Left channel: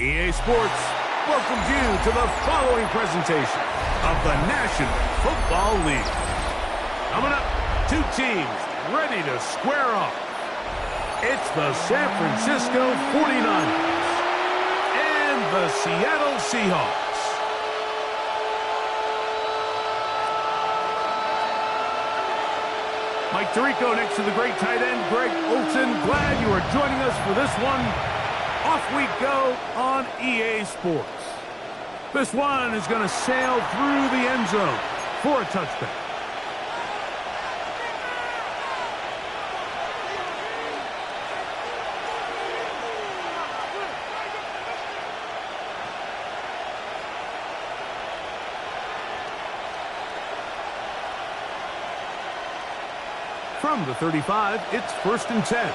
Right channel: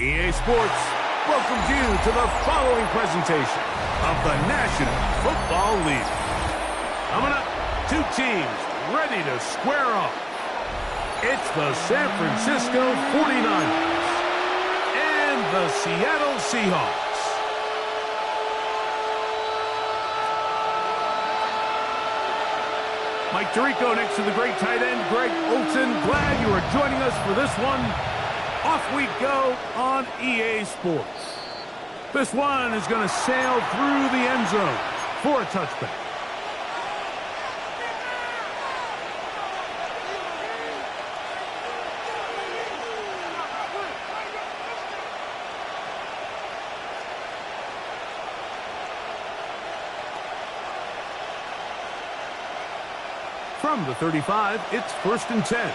EA Sports welcomes you to the following presentation of the National Football League. Coming up, two teams ready to square off. It's the San Francisco 49ers and the Seattle Seahawks. Mike Tirico next to the great tight end, Greg Olsen. Glad you are joining us for this one. Off we go on EA Sports. This one is going to sail through the end zone for a touchback. From the 35, it's 1st and 10.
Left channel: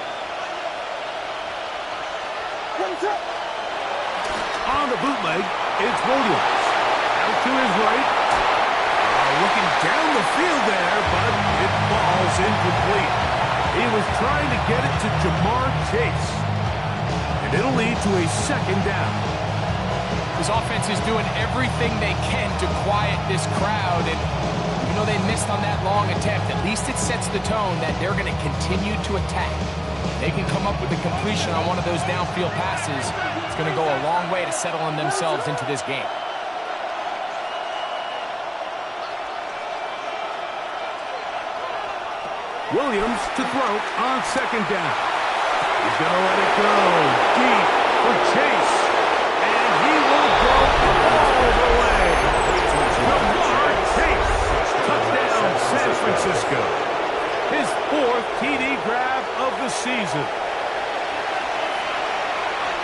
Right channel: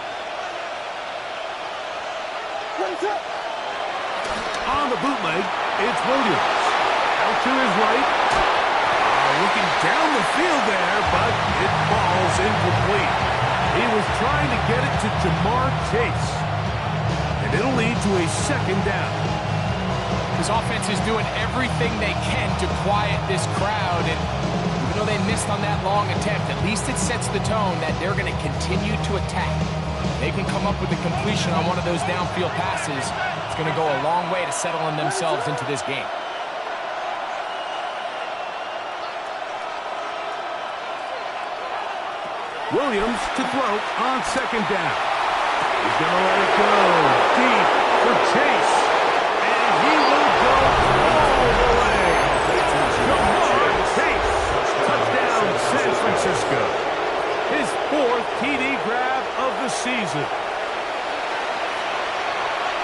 On the bootleg, it's Williams. Out to his right. Looking down the field there, but it falls incomplete. He was trying to get it to Jamar Chase. And it'll lead to a 2nd down. This offense is doing everything they can to quiet this crowd, and even though they missed on that long attempt, at least it sets the tone that they're going to continue to attack. They can come up with a completion on one of those downfield passes. It's going to go a long way to settling themselves into this game. Williams to throw on 2nd down. He's going to let it go deep for Chase. And he will go all the way. Jamar Chase. Touchdown, San Francisco. His 4th TD grab of the season.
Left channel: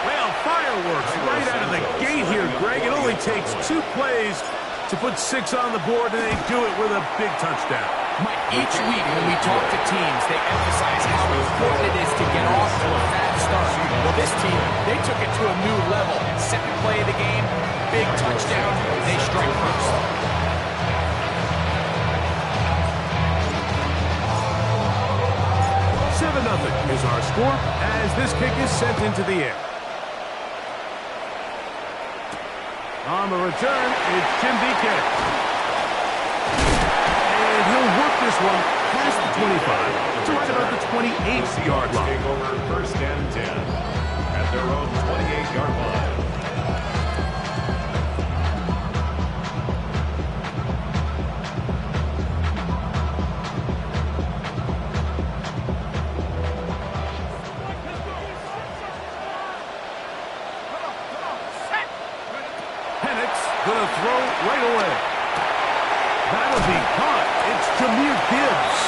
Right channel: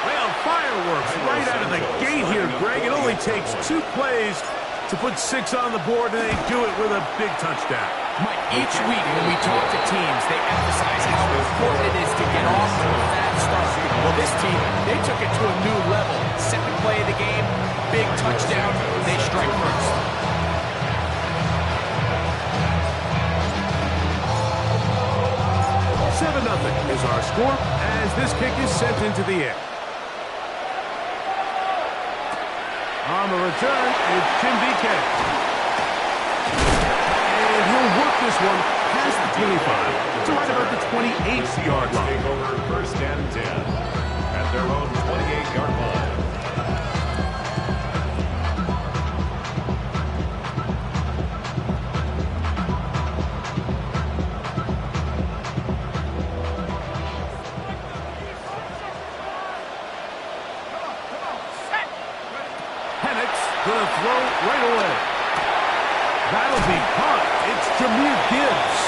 Well, fireworks right out of the gate here, Greg. It only takes 2 plays to put 6 on the board, and they do it with a big touchdown. Mike, each week when we talk to teams, they emphasize how important it is to get off to a fast start. Well, this team, they took it to a new level. 2nd play of the game, big touchdown, they strike first. 7-0 is our score as this kick is sent into the air. On the return, it's Jim DK. And he'll work this one past the 25 to right about the 28-yard line. Take over 1st and 10 at their own 28-yard line. Gonna throw right away. That'll be caught. It's Jahmyr Gibbs.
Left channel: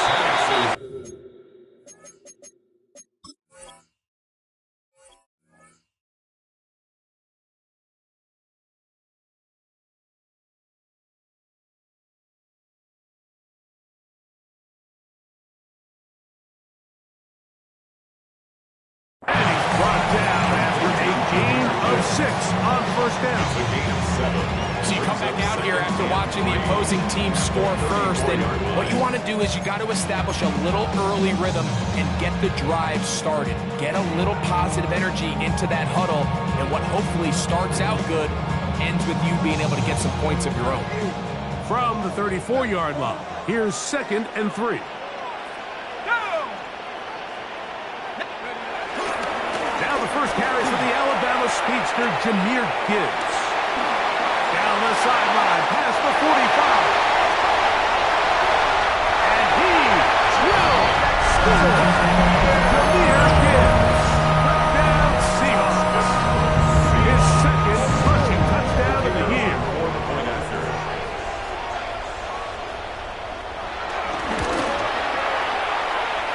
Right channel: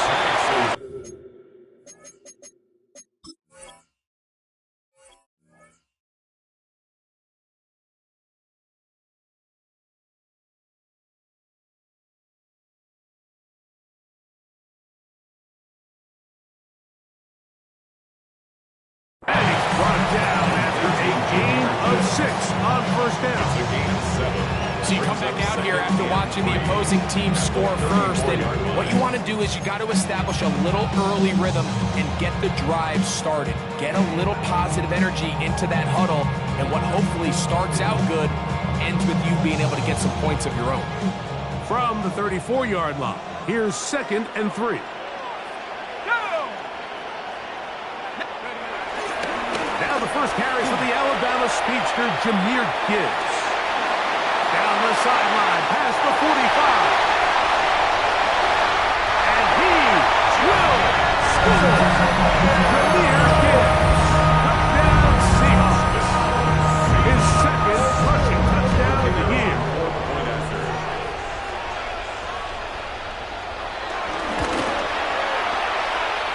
And he's brought down after a gain of 6 on 1st down. It's a gain of 7. So you come back out here after watching the opposing team score first, and what you want to do is you got to establish a little early rhythm and get the drive started. Get a little positive energy into that huddle, and what hopefully starts out good ends with you being able to get some points of your own. From the 34-yard line, here's 2nd and 3. Now the first carries for the Alabama speedster, Jahmyr Gibbs. Down the sideline, past the 45. And he will score. Jahmyr Gibbs. Touchdown, Seahawks. His 2nd rushing touchdown of the year.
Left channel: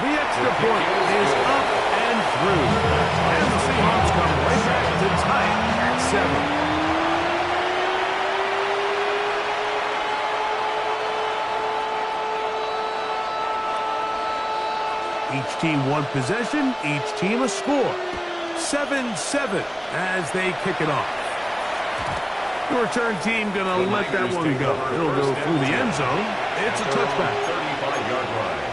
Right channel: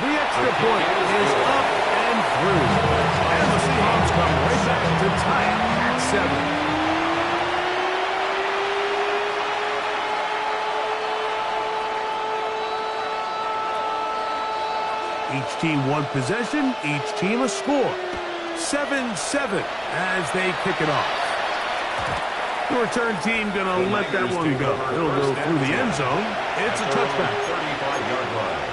The extra point is up and through. And the Seahawks come right back to tie it at 7. Each team 1 possession, each team a score. 7-7 as they kick it off. The return team going to let that one go. It'll go through the end zone. It's a touchback. 35-yard line.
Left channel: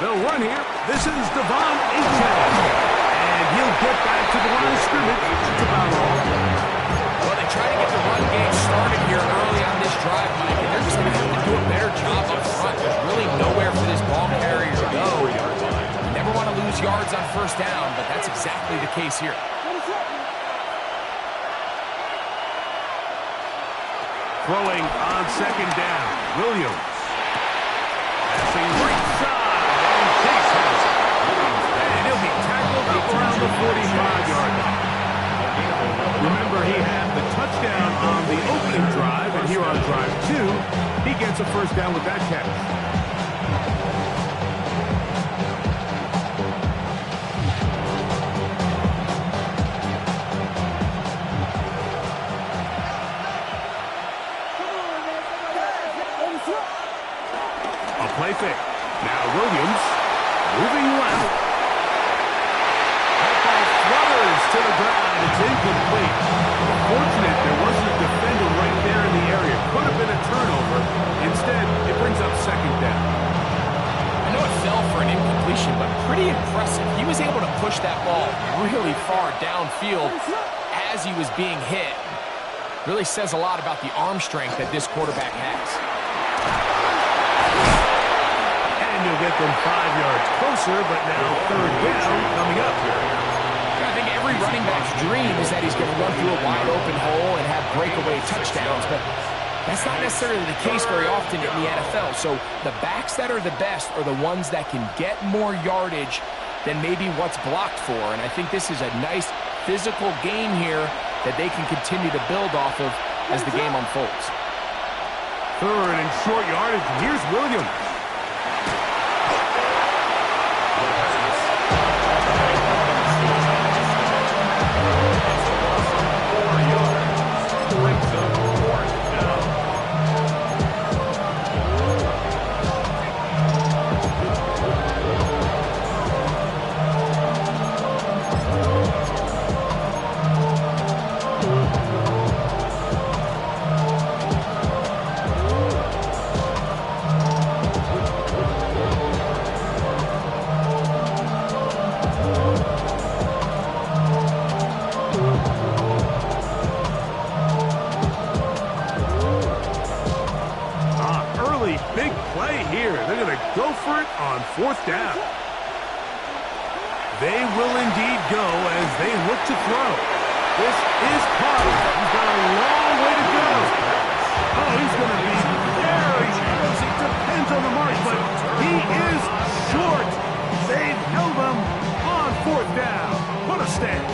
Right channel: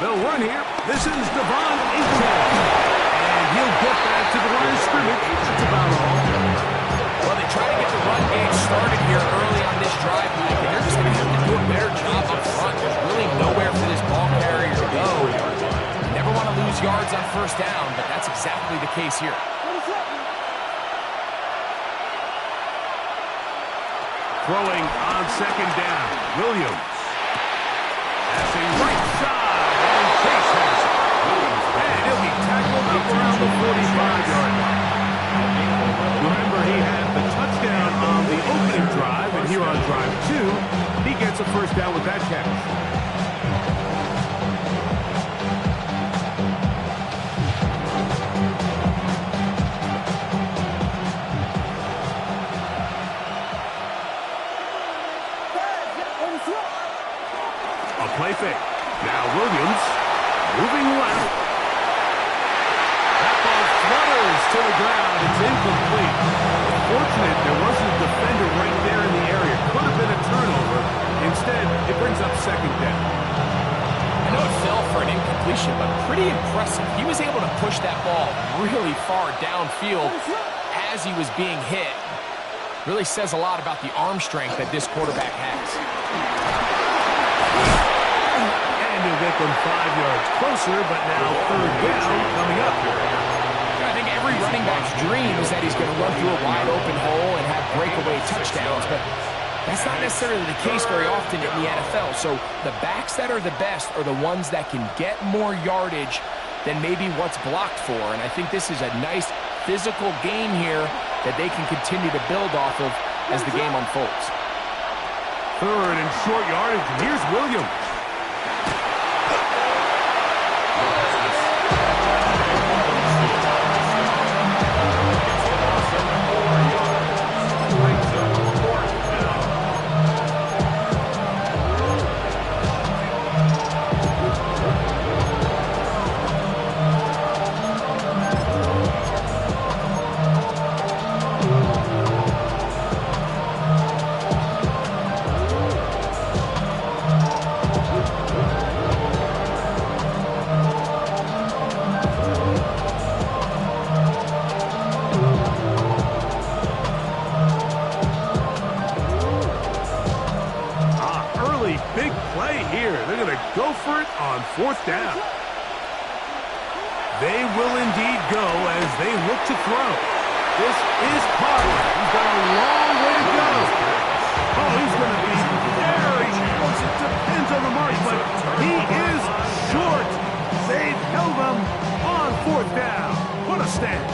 They'll run here. This is Devon Achane. And he'll get back to the line of scrimmage. That's about all. Well, they try to get the run game started here early on this drive, Mike, and they're just going to have to do a better job up front. There's really nowhere for this ball carrier to go. You never want to lose yards on first down, but that's exactly the case here. Throwing on second down. Williams. Passing right side, and Chase has it. And he'll be tackled up around the 45-yard line. Remember, he had the touchdown on the opening drive, and here on drive 2, he gets a first down with that catch. A play fake. Now Williams moving left. That ball flutters to the ground. It's incomplete. Fortunate there wasn't a defender right there in the area. Could have been a turnover. Instead, it brings up second down. I know it fell for an incompletion, but pretty impressive. He was able to push that ball really far downfield as he was being hit. Really says a lot about the arm strength that this quarterback has. And he'll get them 5 yards closer, but now third down coming up here. I think every running back's dream is that he's going to run through a wide open hole and have breakaway touchdowns, but that's not necessarily the case very often in the NFL. So the backs that are the best are the ones that can get more yardage than maybe what's blocked for. And I think this is a nice physical game here that they can continue to build off of as the game unfolds. Third and short yardage, and here's Williams. It's a loss of 4 yards. Brings up fourth down. Big play here. They're going to go for it on fourth down. They will indeed go as they look to throw. This is Potter. He's got a long way to go. Oh, he's going to be very close. It depends on the mark, but he is short. They've held him on fourth down. What a stand.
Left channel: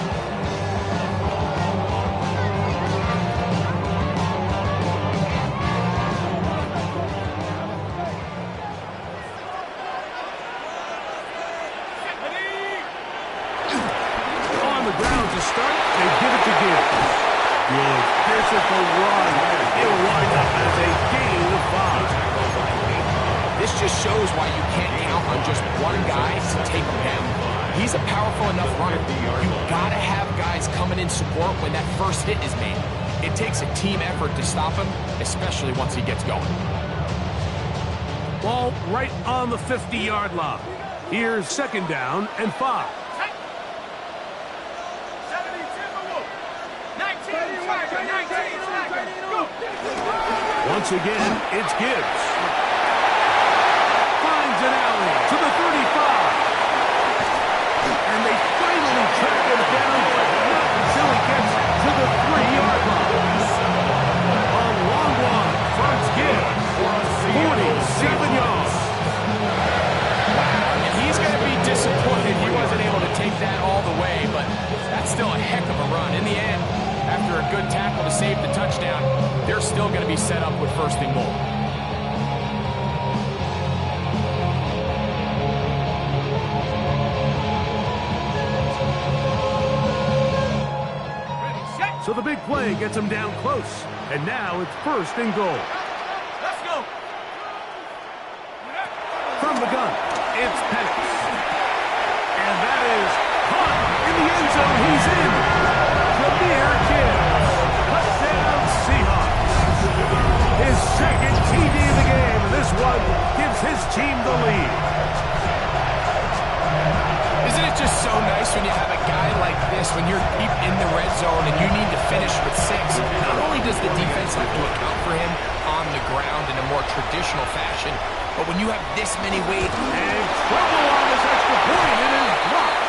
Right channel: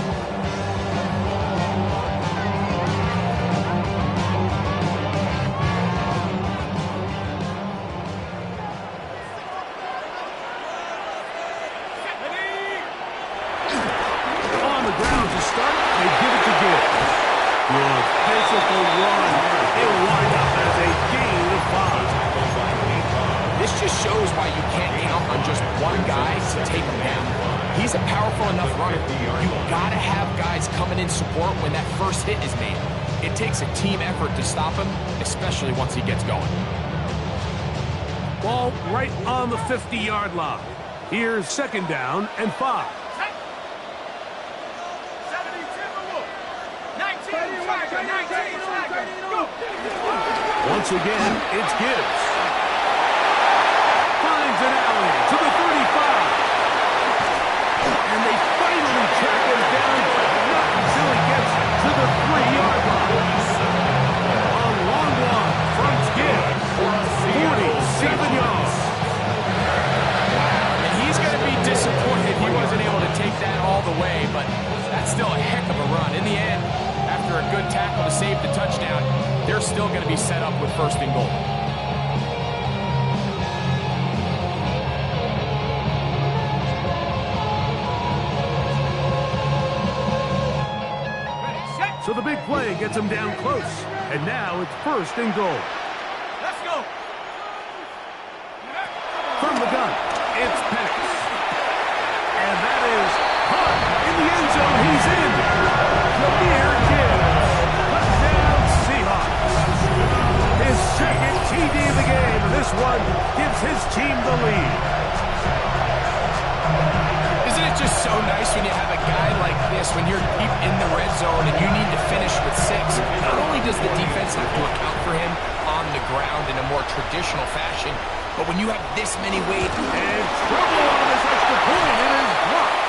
Start, they give it to Gibbs. Good physical run. It'll wind up as a gain of 5. This just shows why you can't count on just one guy to take him down. He's a powerful enough runner. You gotta have guys coming in support when that first hit is made. It takes a team effort to stop him, especially once he gets going. Ball right on the 50-yard line. Here's second down and 5. Once again, it's Gibbs. Finds an alley to the 35. And they finally track him down, but not until he gets to the 3-yard line. A long one from Gibbs. 47 yards. Wow, and he's going to be disappointed he wasn't able to take that all the way, but that's still a heck of a run. In the end, after a good tackle to save the touchdown, they're still going to be set up with first and goal. So the big play gets him down close. And now it's first and goal. Let's go. From the gun, it's Penix. And that is caught in the end zone. He's in. Jahmyr Gibbs. Touchdown Seahawks. His second TD of the game. And this one gives gives his team the lead. Isn't it just so nice when you have a guy like this, when you're deep in the red zone and you need to finish with 6? Not only does the defense have to account for him on the ground in a more traditional fashion, but when you have this many ways... And trouble on this extra point. It is blocked.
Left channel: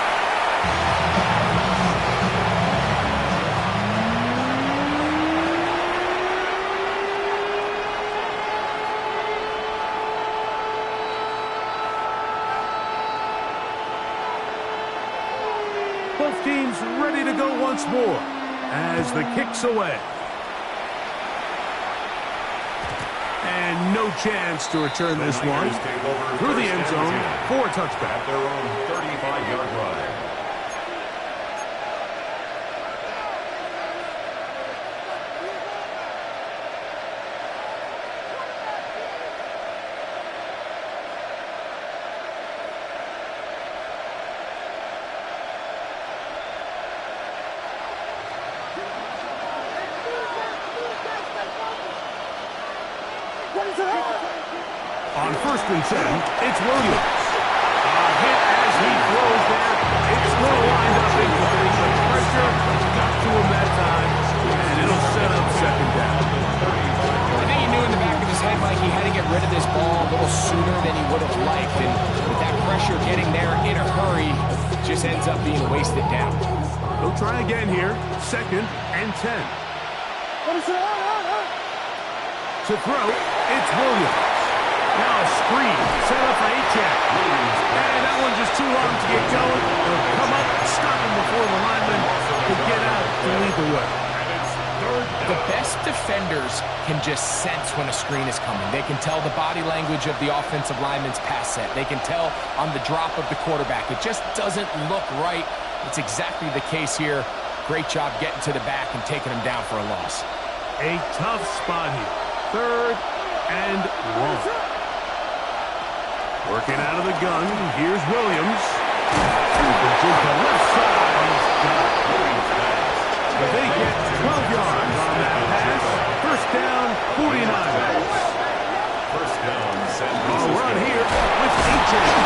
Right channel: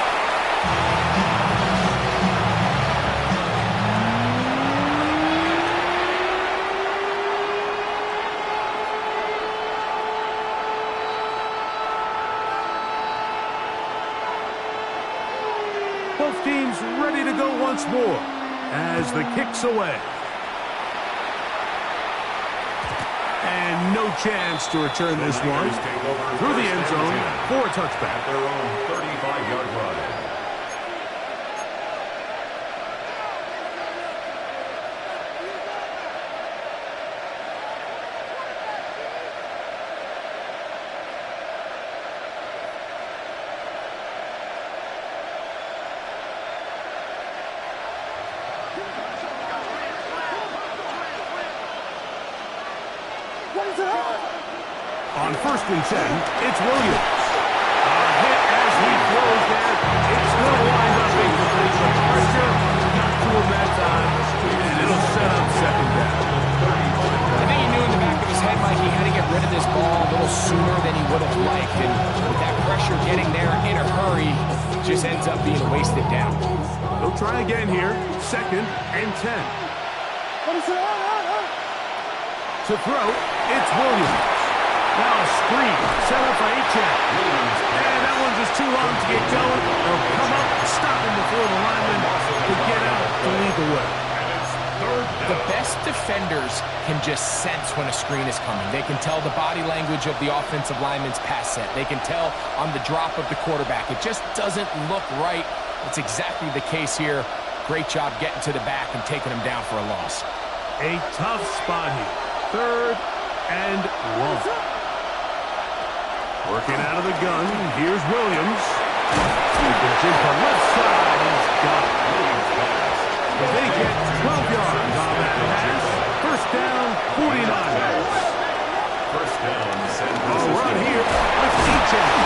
Both teams ready to go once more as the kick's away. And no chance to return this one through the end zone for a touchback. At their own 35-yard line. On 1st and 10, it's Williams. A hit as he throws there. It's going to wind up incomplete, but pressure got to him that time, and it'll set up 2nd down. I think he knew in the back of his head, Mike, he had to get rid of this ball a little sooner than he would have liked, and with that pressure getting there in a hurry, just ends up being wasted down. He'll try again here, 2nd and 10. To throw, it's Williams. Now a screen set up for H.N. And that one's just too long to get going. They'll come up and stop him before the lineman can get out to lead the way. The best defenders can just sense when a screen is coming. They can tell the body language of the offensive lineman's pass set. They can tell on the drop of the quarterback. It just doesn't look right. It's exactly the case here. Great job getting to the back and taking him down for a loss. A tough spot here. 3rd and 1. Working out of the gun, here's Williams. Sweeping to the left side, he's got it. But they get 12 yards on that pass. 1st down, 49ers. 1st down, San A Francisco. run here with H.N.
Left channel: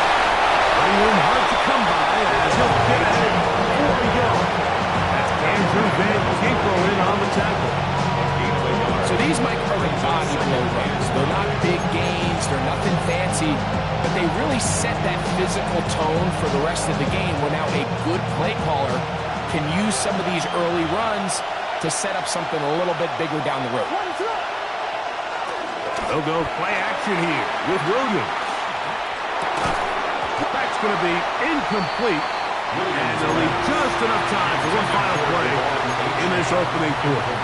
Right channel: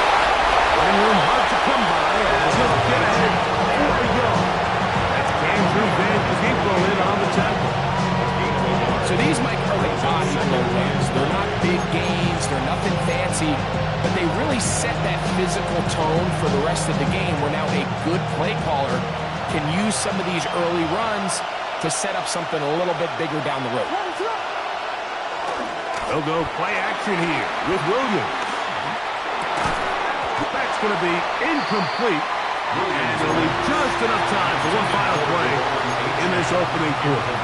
Running room hard to come by as he'll get ahead for a yard. That's Andrew Van Ginkle in on the tackle. So these, Mike, are the body blow runs. They're not big gains. They're nothing fancy. But they really set that physical tone for the rest of the game where now a good play caller can use some of these early runs to set up something a little bit bigger down the road. They'll go play action here with Williams. That's going to be incomplete. And they'll leave just enough time for one final play in this opening quarter.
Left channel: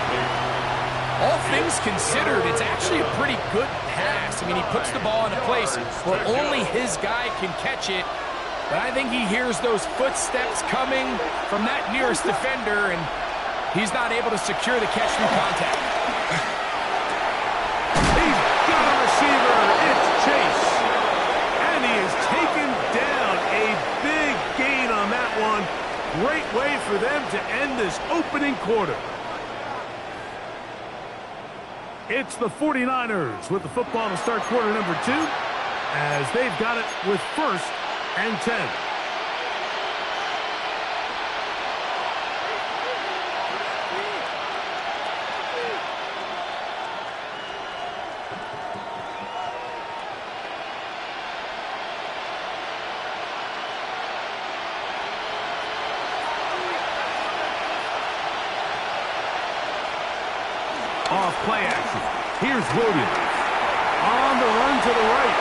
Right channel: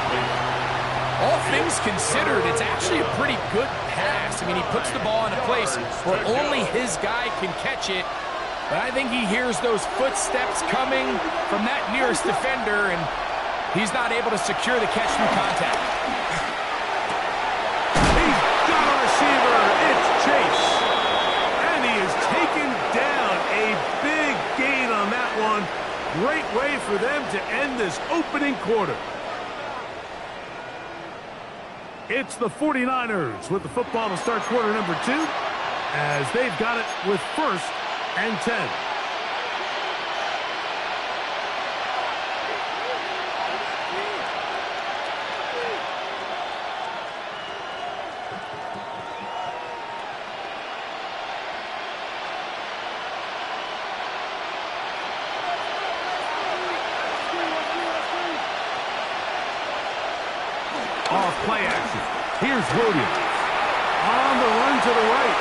All things considered, it's actually a pretty good pass. I mean, he puts the ball in a place where only his guy can catch it. But I think he hears those footsteps coming from that nearest defender, and he's not able to secure the catch through contact. He's got a receiver. It's Chase. And he is taken down. A big gain on that one. Great way for them to end this opening quarter. It's the 49ers with the football to start quarter number 2 as they've got it with 1st and 10. Off play action. Here's Williams. On the run to the right.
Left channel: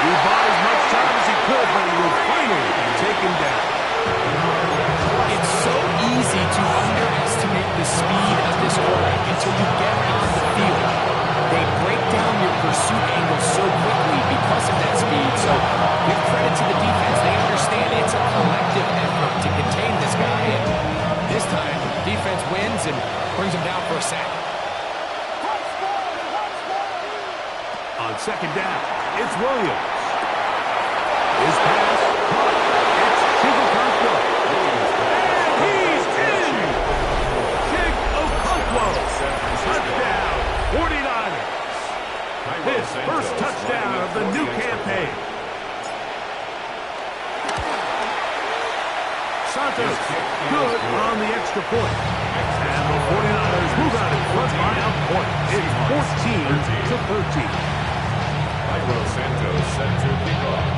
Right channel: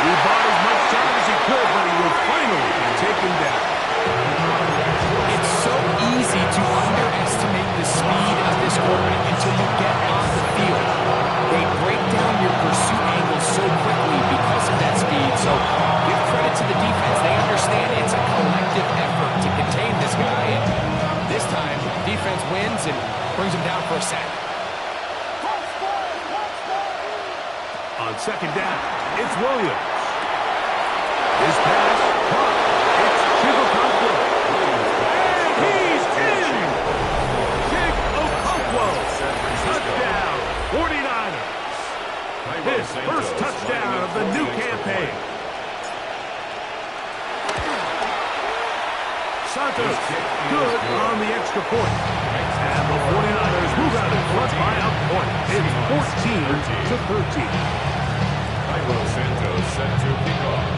He bought as much time as he could, but he will finally be taken down. It's so easy to underestimate the speed of this quarterback until you get on the field. They break down your pursuit angle so quickly because of that speed. So give credit to the defense. They understand it's a collective effort to contain this guy. And this time, defense wins and brings him down for a sack. On 2nd down, it's Williams. His pass, caught. It's Chigokonkwo. And he's in! Chigokonkwo. Touchdown, 49ers. His first touchdown of the new campaign. Santos good on the extra point. And the 49ers move out in front by a point. It's 14-13. Cairo Santos set to kick off.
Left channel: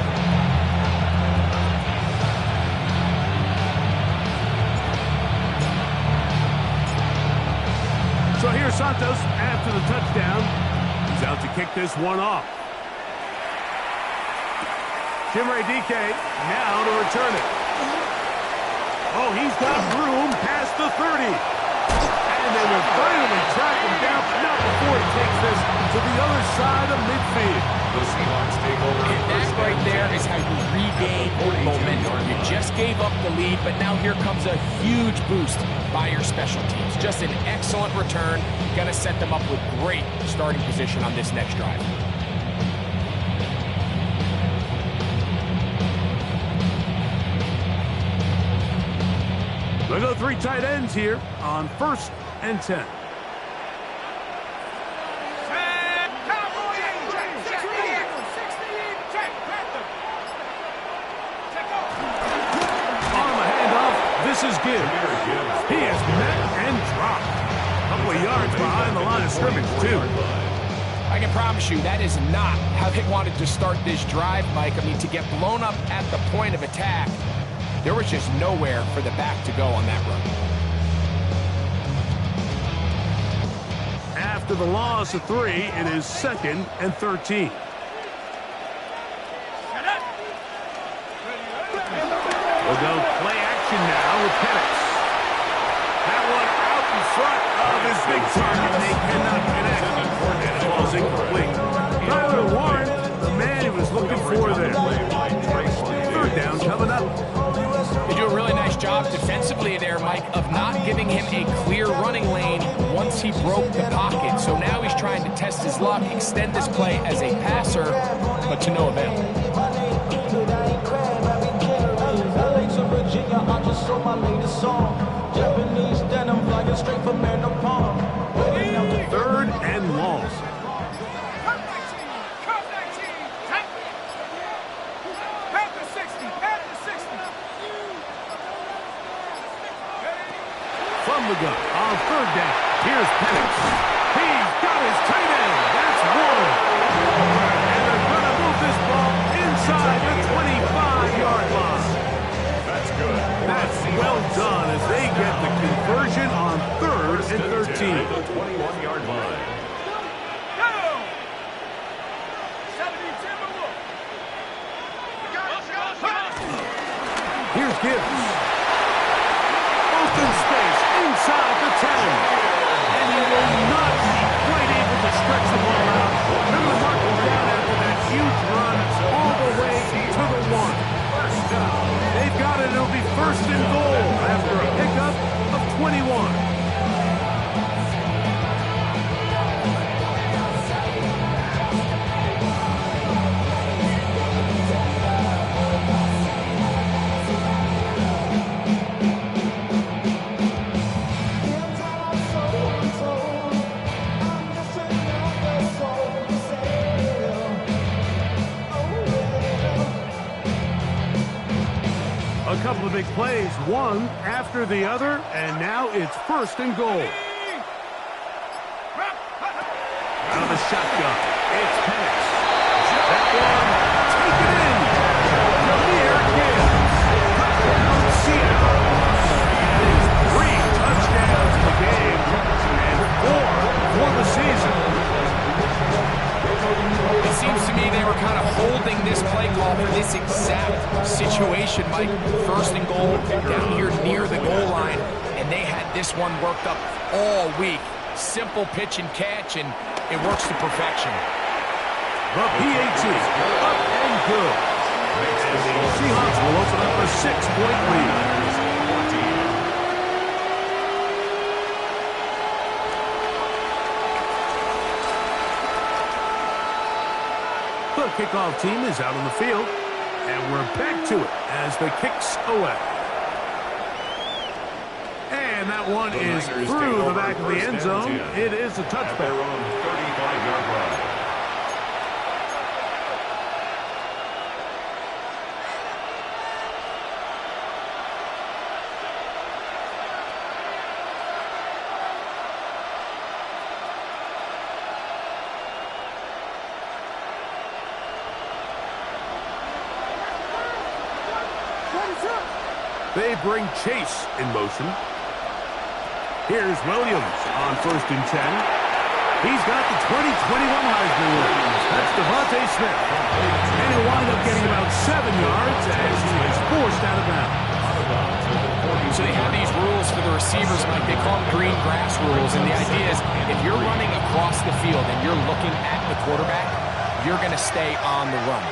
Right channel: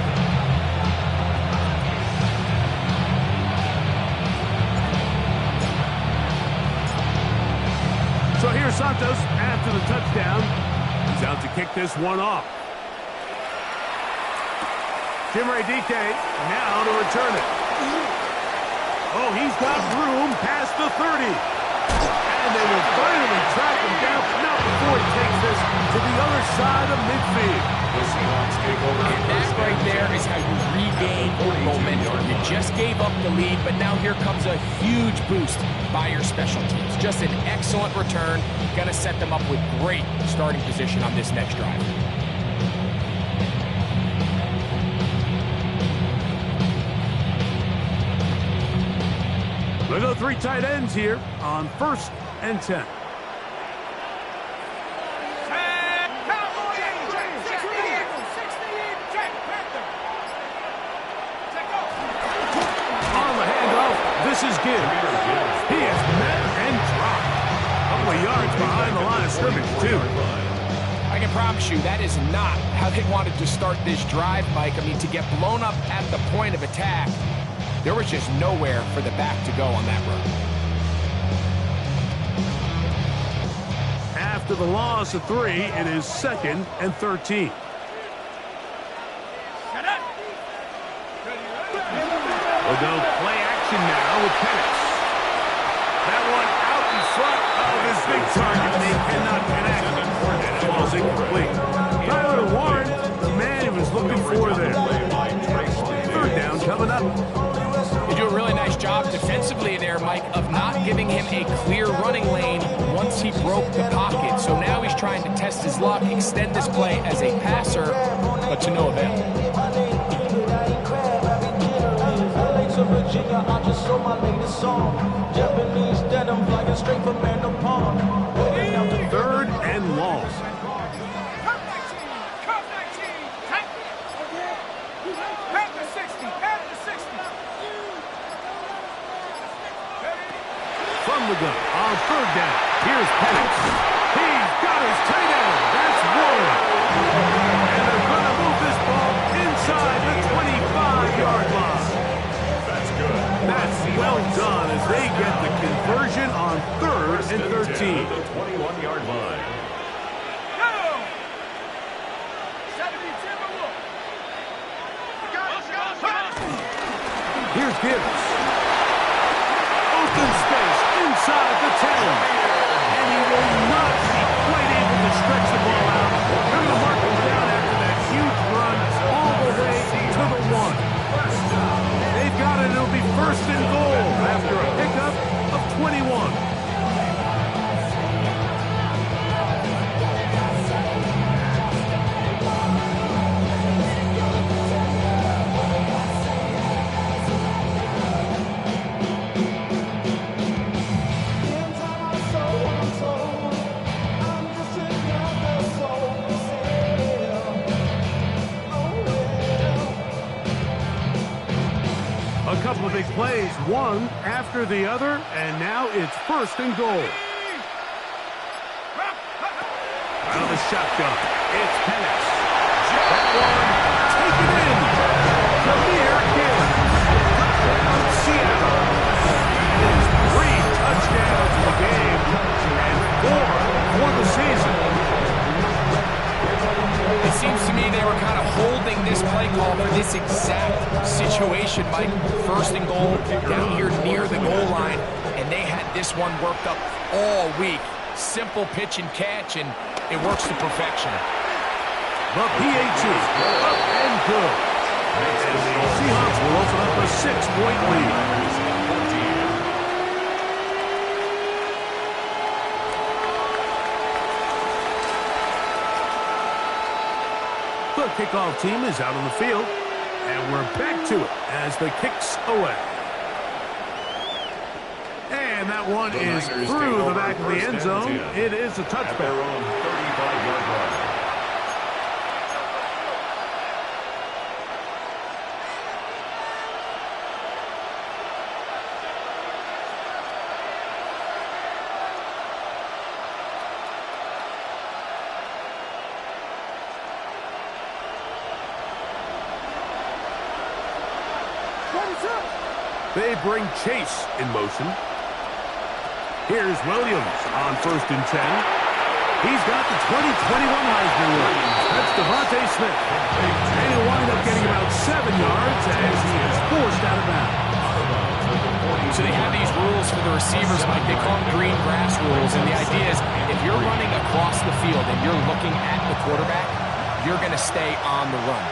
So here's Santos after the touchdown. He's out to kick this one off. Jimmy DK now to return it. Oh, he's got room past the 30. And they will finally track him down, but not before he takes this to the other side of midfield. The Seahawks take over. And that right there is how you regain momentum. You just gave up the lead, but now here comes a huge boost by your special teams. Just an excellent return. Going to set them up with great starting position on this next drive. They go 3 tight ends here on 1st and 10. On the handoff, this is Gibbs. He is met and dropped. A couple of yards behind the line of scrimmage, too. I can promise you that is not how they wanted to start this drive, Mike. I mean, to get blown up at the point of attack, there was just nowhere for the back to go on that run. After the loss of 3, it is 2nd and 13. We'll go play action now with Penix. That one out in front of his big target. They cannot connect. And it falls incomplete. Tyler Warren, the man he was looking for there. 3rd down coming up. They do a really nice job defensively there, Mike, of not giving him a clear running lane once he broke the pocket. So now he's trying to test his luck, extend this play as a passer, but to no avail. Third and long. From the gun on 3rd down. Here's Penix. He's got his tight end. That's one. And they're going to move this ball inside the 25-yard line. That's good. That's well done as they get the conversion on 3rd and 13. At the 21-yard line. Here's Gibbs. Open space inside the 10. And he will not be quite able to stretch the ball out. They're going to mark him down after that huge run all the way to the 1. They've got it. It'll be 1st and goal after a pickup of 21. A couple of big plays, one after the other, and now it's 1st and goal. Out of the shotgun, it's Penix. That one, taken in. Jameer Gibbs. Touchdown, Seattle. That is 3 touchdowns in the game, and 4 for the season. It seems to me they were kind of holding this play call for this exact situation, Mike. 1st and goal, down here near the goal line, and they had this one worked up all week. Simple pitch and catch, and it works to perfection. The PAT, up and good. And the Seahawks will open up a 6-point lead. The kickoff team is out on the field, and we're back to it as the kick's away. And that one is through the back of the end zone. It is a touchback. At their own 35-yard line. They bring Chase in motion. Here's Williams on 1st and 10. He's got the 2021 Heisman winner. That's Devontae Smith. And he'll wind up getting about 7 yards as he is forced out of bounds. So they have these rules for the receivers, Mike. They call them green grass rules. And the idea is if you're running across the field and you're looking at the quarterback, you're going to stay on the run.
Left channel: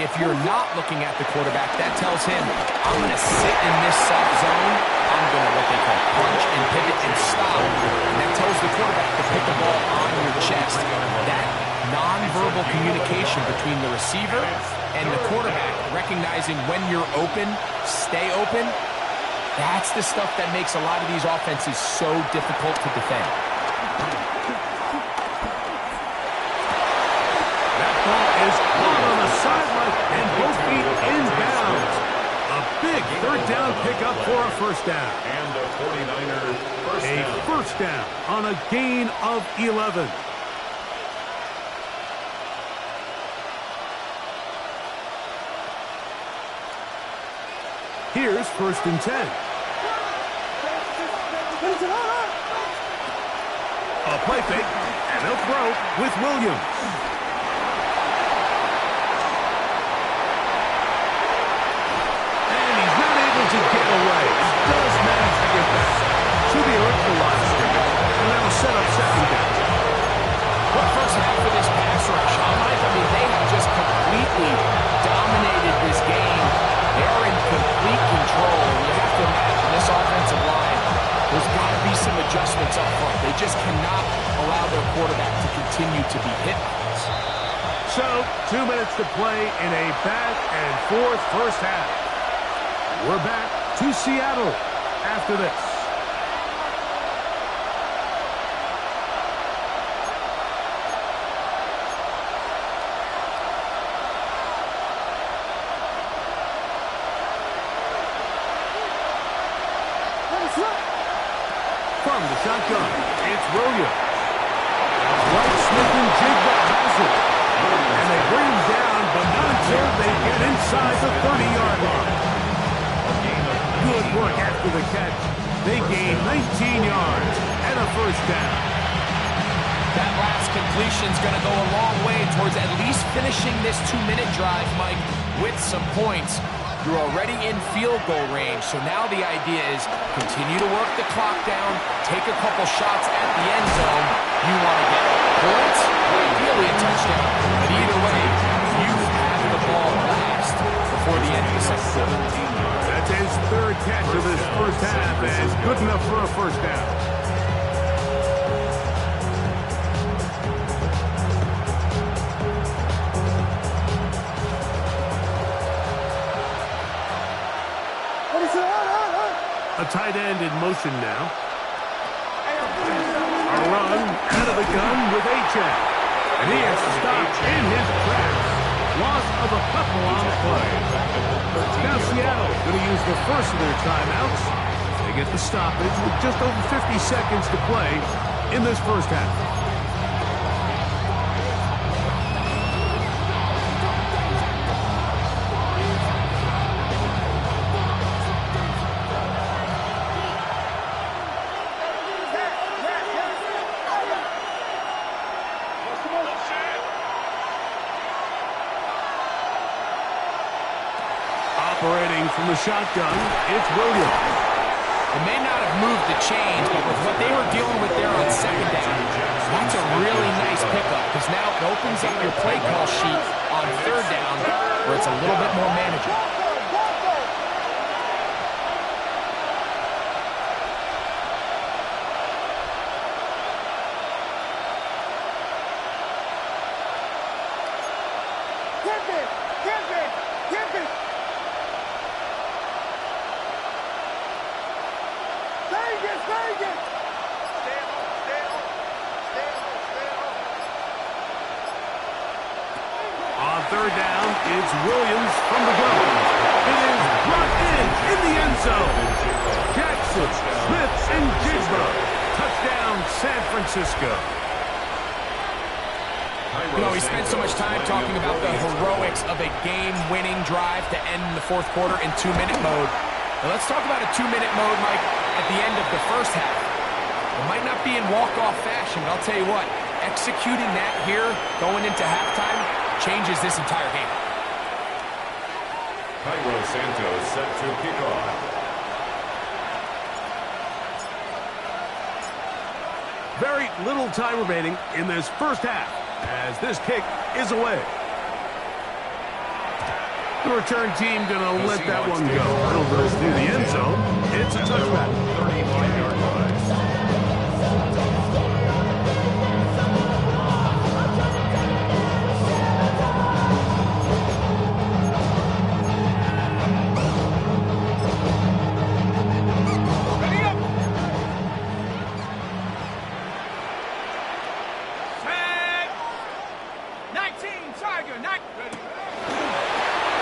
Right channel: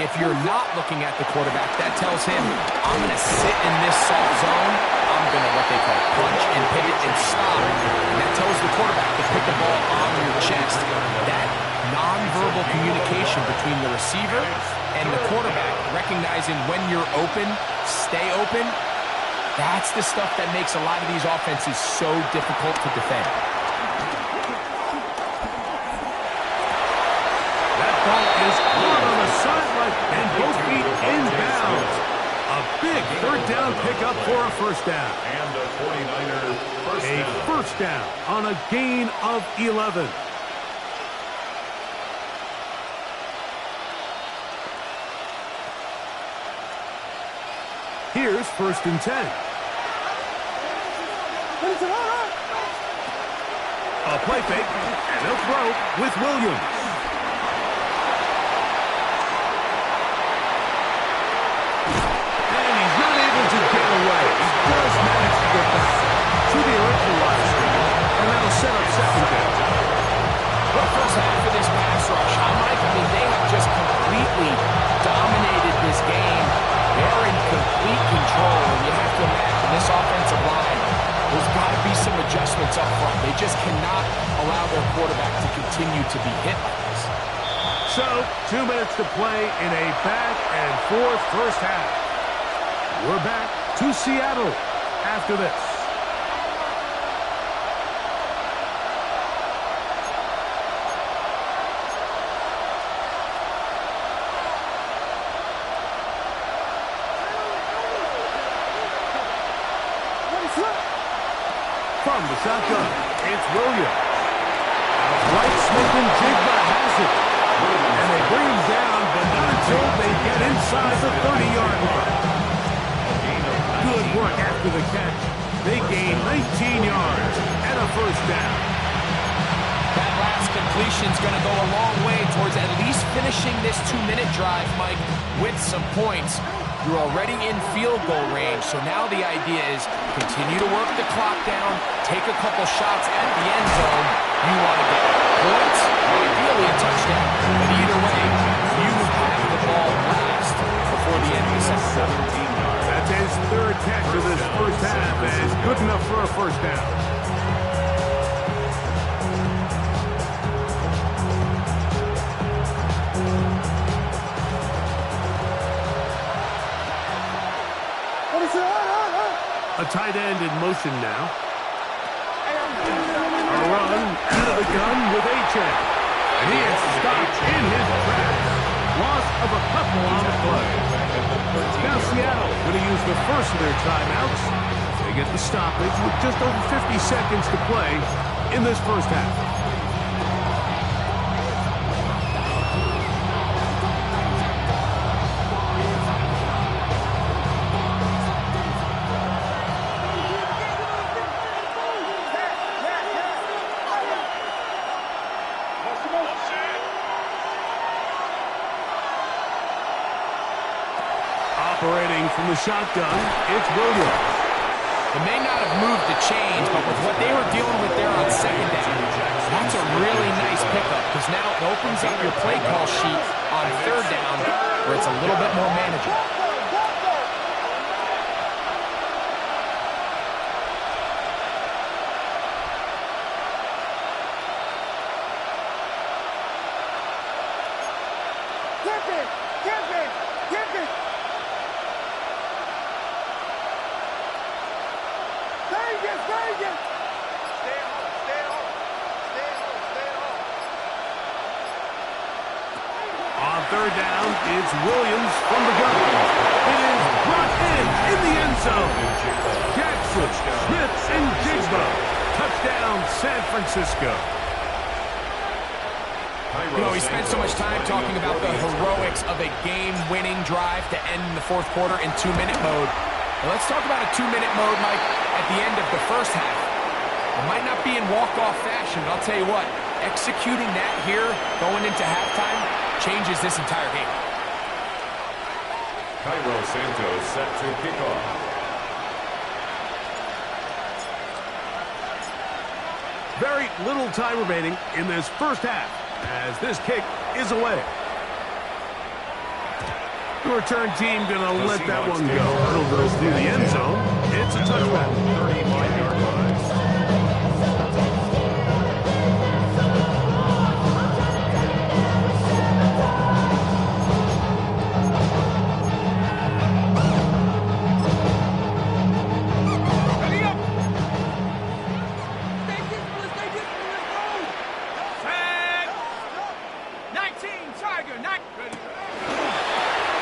If you're not looking at the quarterback, that tells him, I'm going to sit in this soft zone. I'm going to what they call punch and pivot and stop. And that tells the quarterback to pick the ball on your chest. That nonverbal communication between the receiver and the quarterback, recognizing when you're open, stay open, that's the stuff that makes a lot of these offenses so difficult to defend. That ball is caught on the sideline and both feet inbounds. A big 3rd down pickup for a 1st down. And a 49er first down. A 1st down on a gain of 11. Here's 1st and 10. A play fake, and they'll throw with Williams. And he's not able to get away. He does manage to get back to the original line of scrimmage, and that'll set up 2nd down. What a first half for this pass rush, huh, Mike? I mean, they have just completely dominated this game. They're in complete control, and you have to imagine this offensive line, there's got to be some adjustments up front. They just cannot allow their quarterback to continue to be hit like this. So, 2 minutes to play in a back-and-forth first half. We're back to Seattle after this. From the shotgun, it's Williams. Out right, Smith and Jigba has it. And they bring him down, but not until they get inside the 30-yard line. Good work after the catch. They gain 19 yards and a 1st down. That last completion's going to go a long way towards at least finishing this 2-minute drive, Mike, with some points. You're already in field goal range, so now the idea is continue to work the clock down, take a couple shots at the end zone. You want to get points, ideally a touchdown, but either way, you have the ball last before the end of the second quarter. That's his 3rd catch of this first half, and good enough for a 1st down. A tight end in motion now. A run out of the gun with H.M. And he has stopped in his tracks. Loss of a couple on the play. Now Seattle going to use the first of their timeouts. They get the stoppage with just over 50 seconds to play in this first half. Operating from the shotgun, it's Williams. It may not have moved the chains, but with what they were dealing with there on 2nd down, that's a really nice pickup because now it opens up your play call sheet on 3rd down where it's a little bit more manageable. On 3rd down, it's Williams from the gun. It is brought in the end zone. Jackson, Smith, and Jigba. Touchdown, San Francisco. You know, we spent so much time talking about the heroics of a game-winning drive to end the fourth quarter in 2-minute mode. Now let's talk about a 2-minute mode, Mike, at the end of the first half. It might not be in walk-off fashion, but I'll tell you what, executing that here, going into halftime, changes this entire game. Cairo Santos set to kick off. Very little time remaining in this first half as this kick is away. The return team going to let that one go. It'll go through the end zone. It's a touchback. 35-yard line.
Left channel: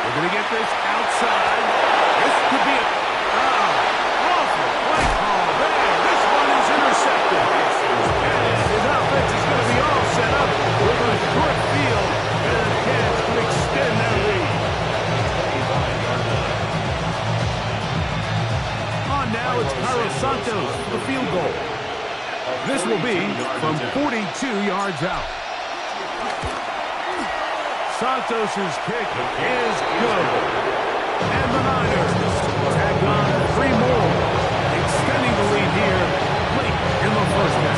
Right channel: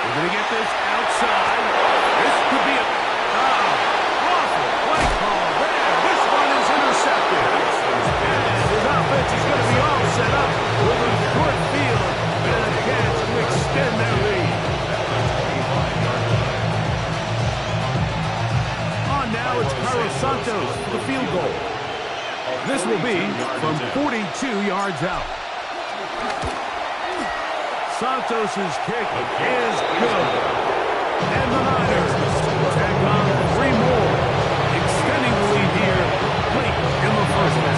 We're going to get this outside. This could be a awful play call there. This one is intercepted. And his offense is going to be all set up with a short field and a chance to extend their lead. On now, it's Cairo Santos for the field goal. This will be from 42 yards out. Santos' kick is good. And the Niners tack on 3 more, extending the lead here late in the first half.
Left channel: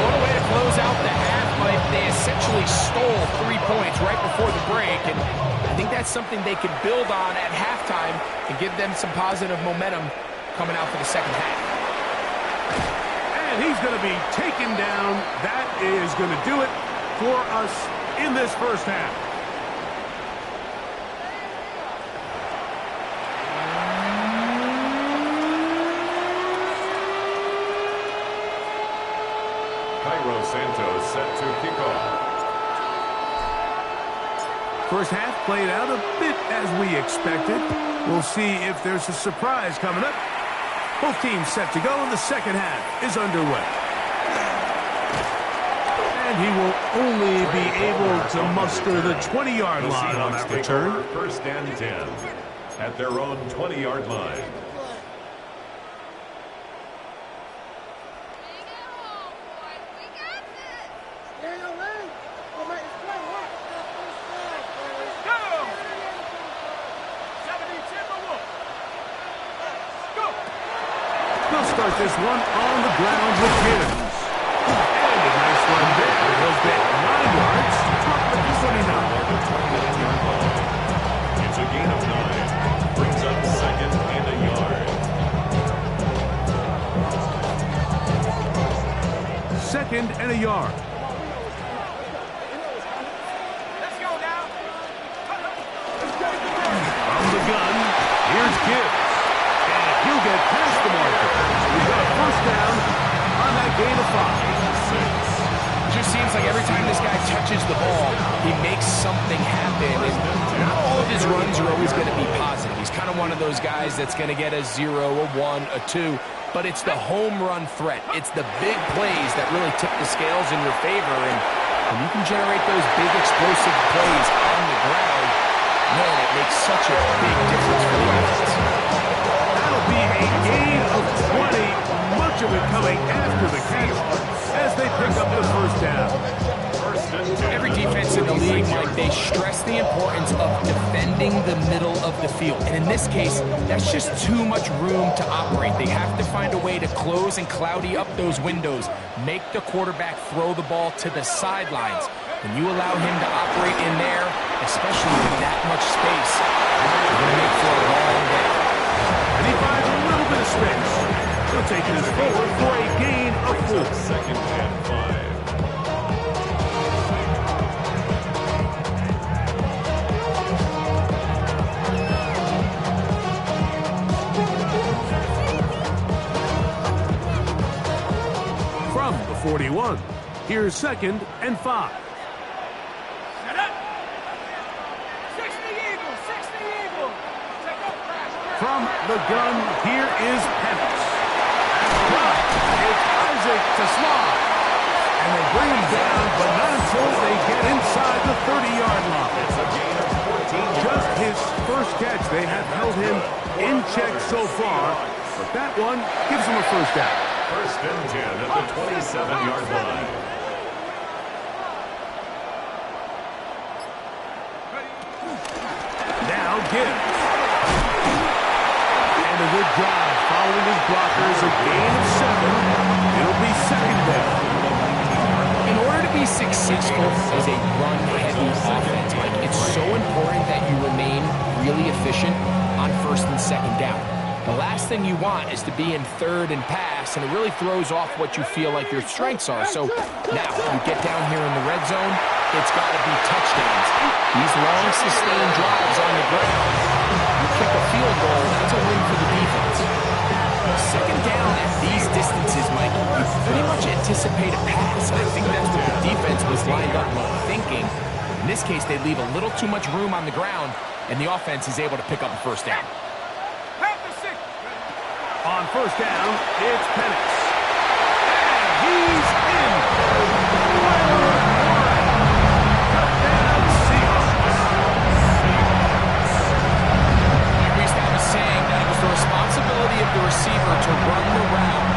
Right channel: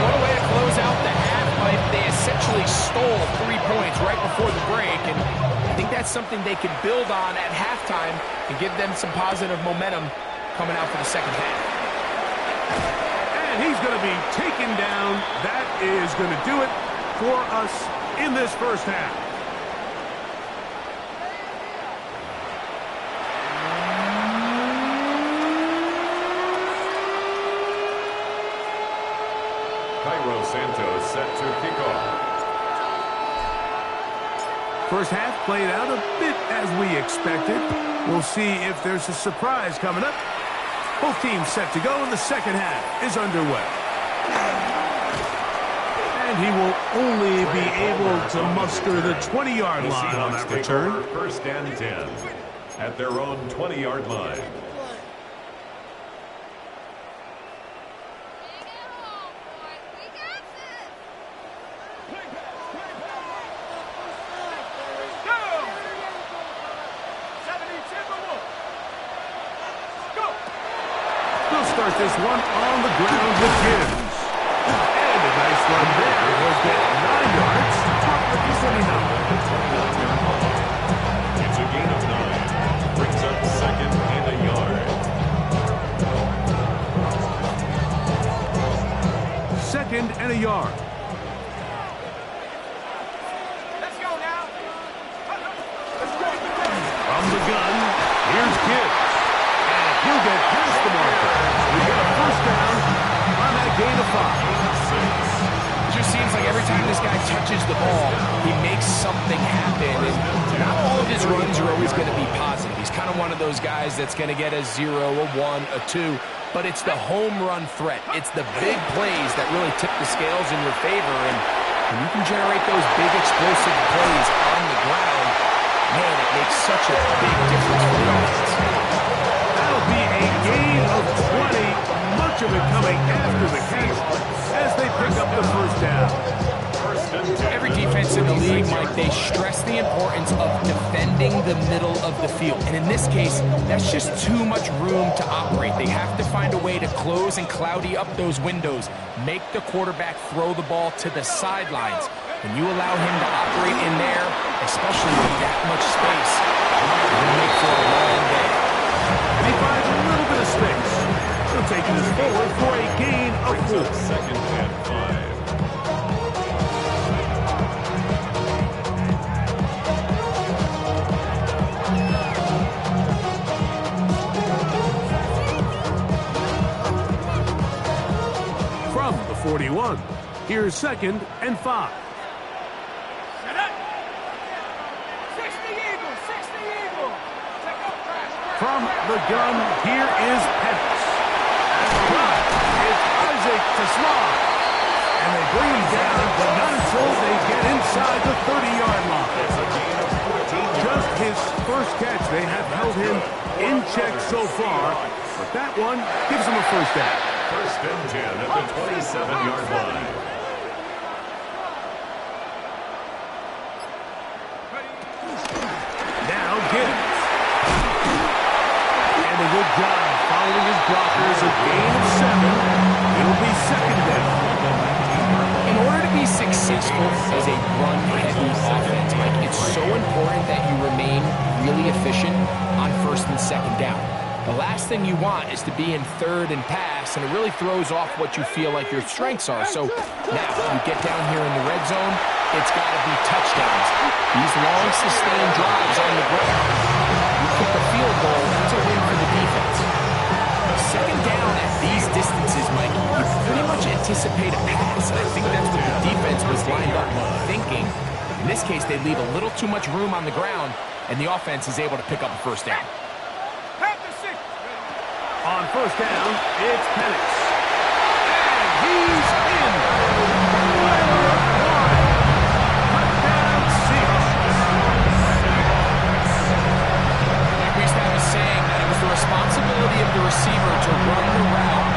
What a way to close out the half, Mike. They essentially stole 3 points right before the break, and I think that's something they can build on at halftime and give them some positive momentum coming out for the second half. And he's going to be taken down. That is going to do it for us in this first half. Cairo Santos set to kick off. First half played out a bit as we expected. We'll see if there's a surprise coming up. Both teams set to go, and the second half is underway. And he will only be able to muster the 20-yard line on that return. First and 10 at their own 20-yard line. They'll start this one on the ground with Gibbs. And a nice run there. He'll get 9 yards to the 29. The 29-yard line. It's a gain of 9. Brings up second and a yard. Second and a yard. Let's go now. From the gun, here's Gibbs. And he'll get past the marker. We've got a first down on that gain of 5. It just seems like every time this guy touches the ball, he makes something happen. And not all of his runs are always going to be positive. He's kind of one of those guys that's going to get a 0, a 1, a 2. But it's the home run threat. It's the big plays that really tip the scales in your favor. And when you can generate those big explosive plays on the ground, man, it makes such a big difference for the offense. That'll be a gain of 20. Much of it coming after the catch as they pick up the first down. Every defense in the league, Mike, they stress the importance of defending the middle of the field. And in this case, that's just too much room to operate. They have to find a way to close and cloudy up those windows, make the quarterback throw the ball to the sidelines. When you allow him to operate in there, especially with that much space, you're going to make for a long day. And he finds a little bit of space. He'll take this forward for a gain of 4. Second and 5. From the 41, here's second and 5. Set up. 60 Eagles, 60 Eagles. From the gun, here is Pettis. It's Isaac to slide. And they bring him down, but not until they get inside the 30-yard line. It's a gain of 14 yards. Just his first catch. They have held him in check so far, but that one gives him a first down. First and 10 at the 27-yard line. Now Gibbs. And a good job following his blockers. A gain of 7. It'll be second down. In order to be successful as a run-heavy offense, Mike, it's so important that you remain really efficient on first and second down. The last thing you want is to be in third and pass, and it really throws off what you feel like your strengths are. So now you get down here in the red zone, it's got to be touchdowns. These long, sustained drives on the ground, you kick a field goal, that's a win for the defense. Second down at these distances, Mike, you pretty much anticipate a pass, and I think that's what the defense was lined up thinking. In this case, they leave a little too much room on the ground, and the offense is able to pick up a first down. On first down, it's Penix. And he's in. Tyler Warren. Touchdown, Seahawks. We used to have a saying that it was the responsibility of the receiver to run the route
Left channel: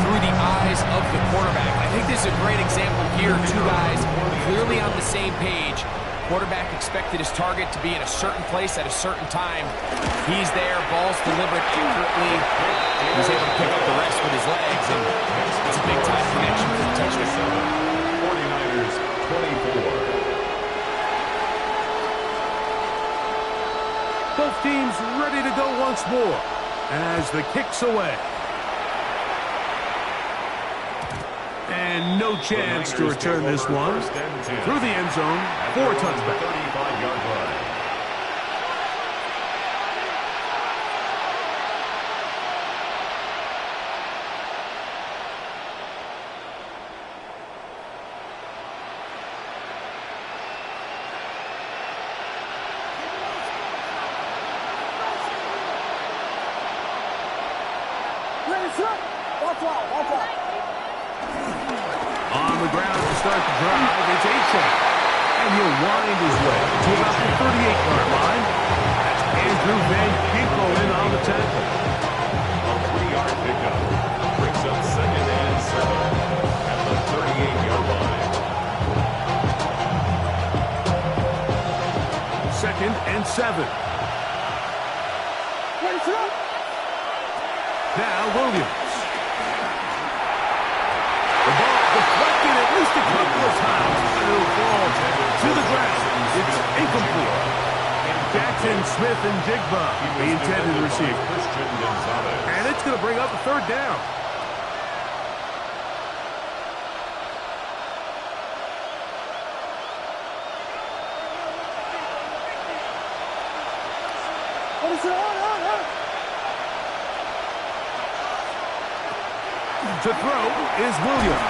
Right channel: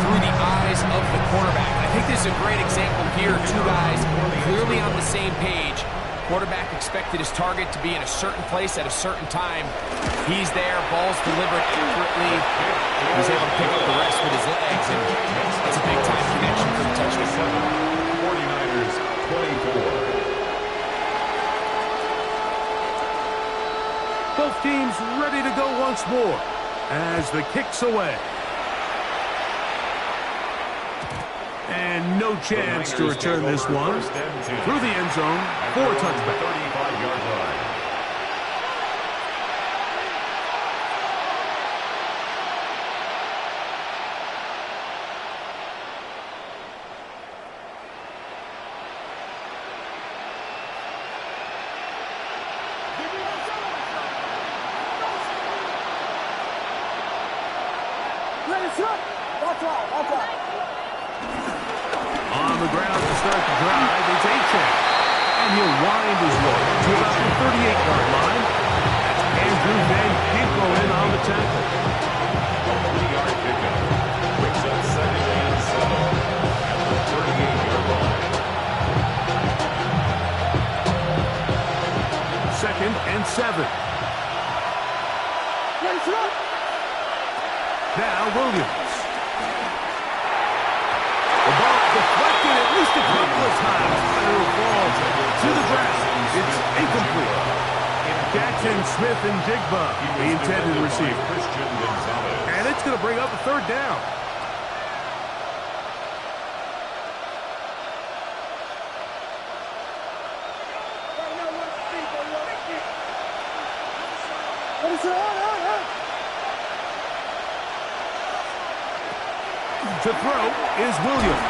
through the eyes of the quarterback. And I think this is a great example here. Two guys clearly on the same page. Quarterback expected his target to be in a certain place at a certain time. He's there, ball's delivered accurately. He's able to pick up the rest with his legs, and it's a big-time connection for the touchdown. 49ers 24. Both teams ready to go once more as the kick's away. And no chance to return this one. Through the end zone for a touchback. 35-yard line. On the ground to start the drive, it's Achane. And he'll wind his way to about the 38-yard line. That's Andrew Van Ginkel in on the tackle. A 3-yard pickup brings up second and 7 at the 38-yard line. Second and 7. Now Williams. The ball deflected at least a couple of times, but it'll fall to the ground. It's incomplete. Jackson, Smith, and Jigba, the intended receiver. And it's going to bring up a third down. To throw is Williams.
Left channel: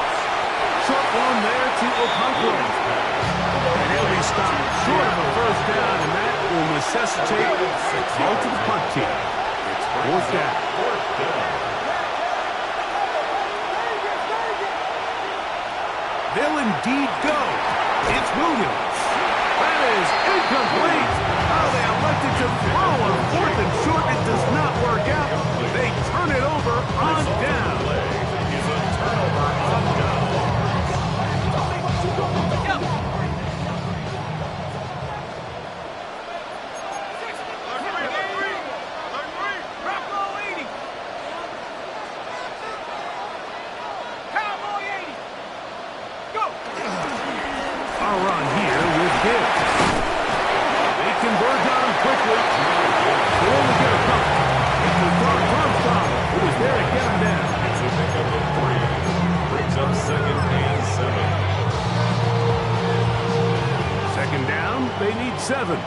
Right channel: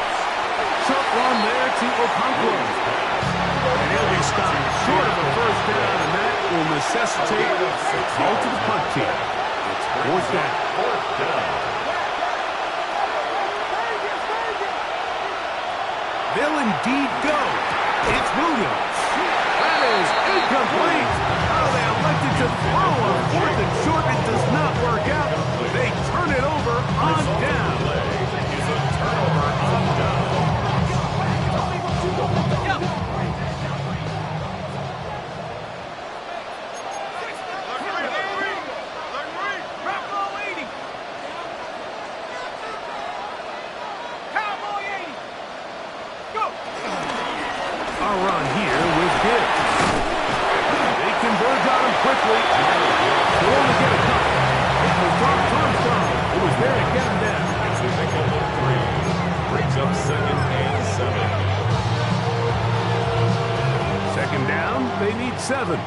Short one there to Okonkwo. And he'll be stopped short of a first down, and that will necessitate a call to the punt team. It's fourth down. They'll indeed go. It's Williams. That is incomplete. Oh, they elected to throw on fourth and short. It does not work out. They turn it over on down. Turnover on down. Our run here with Gibbs. They converge on him quickly. They'll only get a couple. It was Dark Armstrong who was there to get him down. It's a pickup of 3. Brings up second and 7. Second down, they need 7.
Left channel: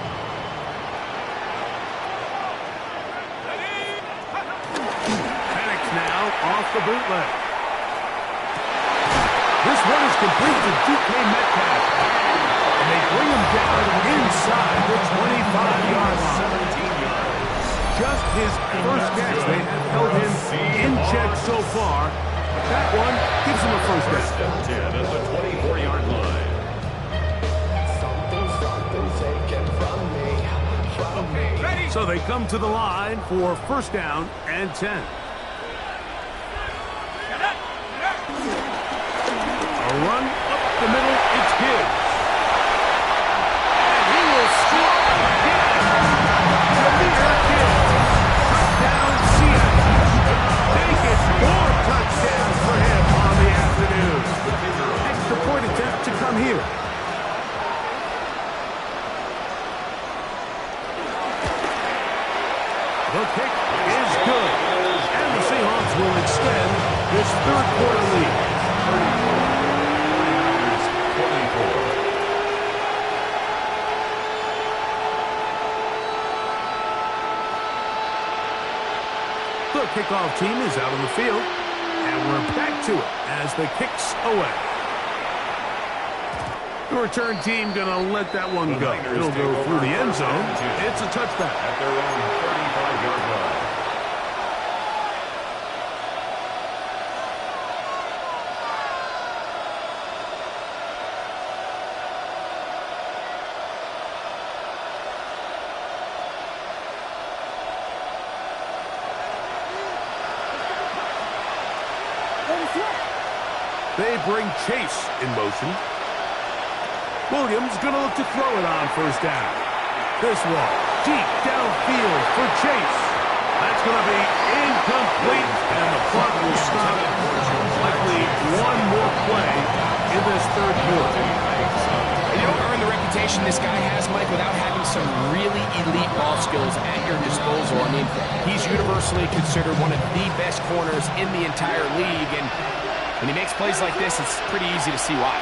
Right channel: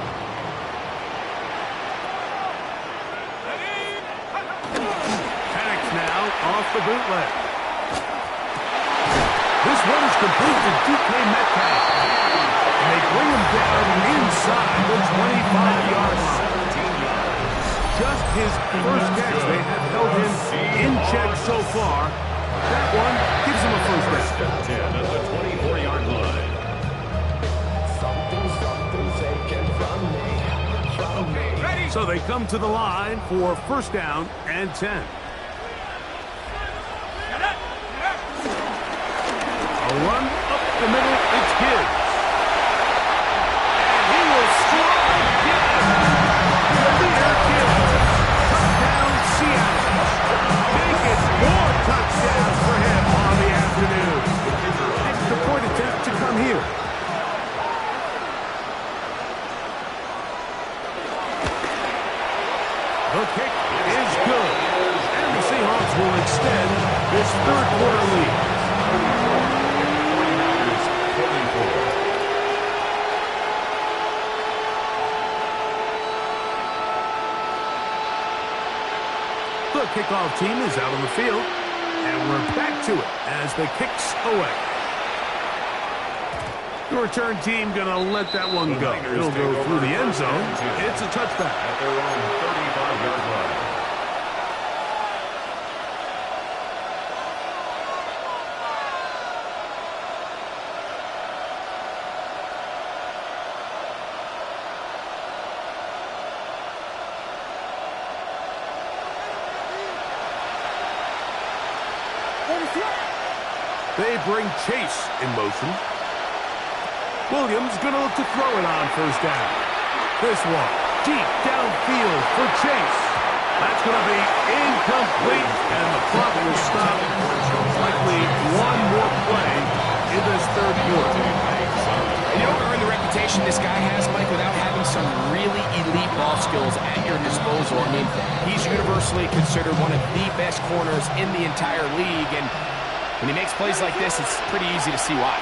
Penix now off the bootleg. This one is complete to DK Metcalf. And they bring him down inside the 25-yard line. 17 yards. Just his first catch. They have held him in check so far. But that one gives him a first down. First and 10 at the 24-yard line. So they come to the line for first down and 10. A run up the middle, it's Gibbs. And he will score again. Jameer Gibbs. Touchdown, Seattle. Make it 4 touchdowns for him on the afternoon. Extra point attempt to come here. The kick is good. And the Seahawks will extend this third quarter lead. 49ers 24. The kickoff team is out on the field, and we're back to it as the kick's away. The return team going to let that one go. It'll go through the end zone. It's a touchback. At their own 35-yard line. They bring Chase in motion. Williams going to look to throw it on first down. This one, deep downfield for Chase. That's going to be incomplete, and the clock will stop. Likely one more play in this third quarter. And you don't earn the reputation this guy has, Mike, without having some really elite ball skills at your disposal. I mean, he's universally considered one of the best corners in the entire league, and when he makes plays like this, it's pretty easy to see why.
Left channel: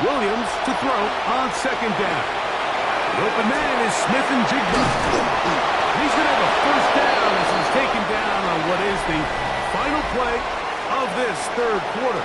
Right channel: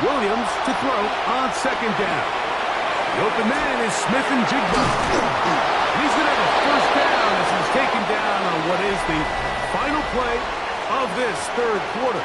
Williams to throw on second down. The open man is Smith and Jigba. And he's going to have a first down as he's taken down on what is the final play of this third quarter.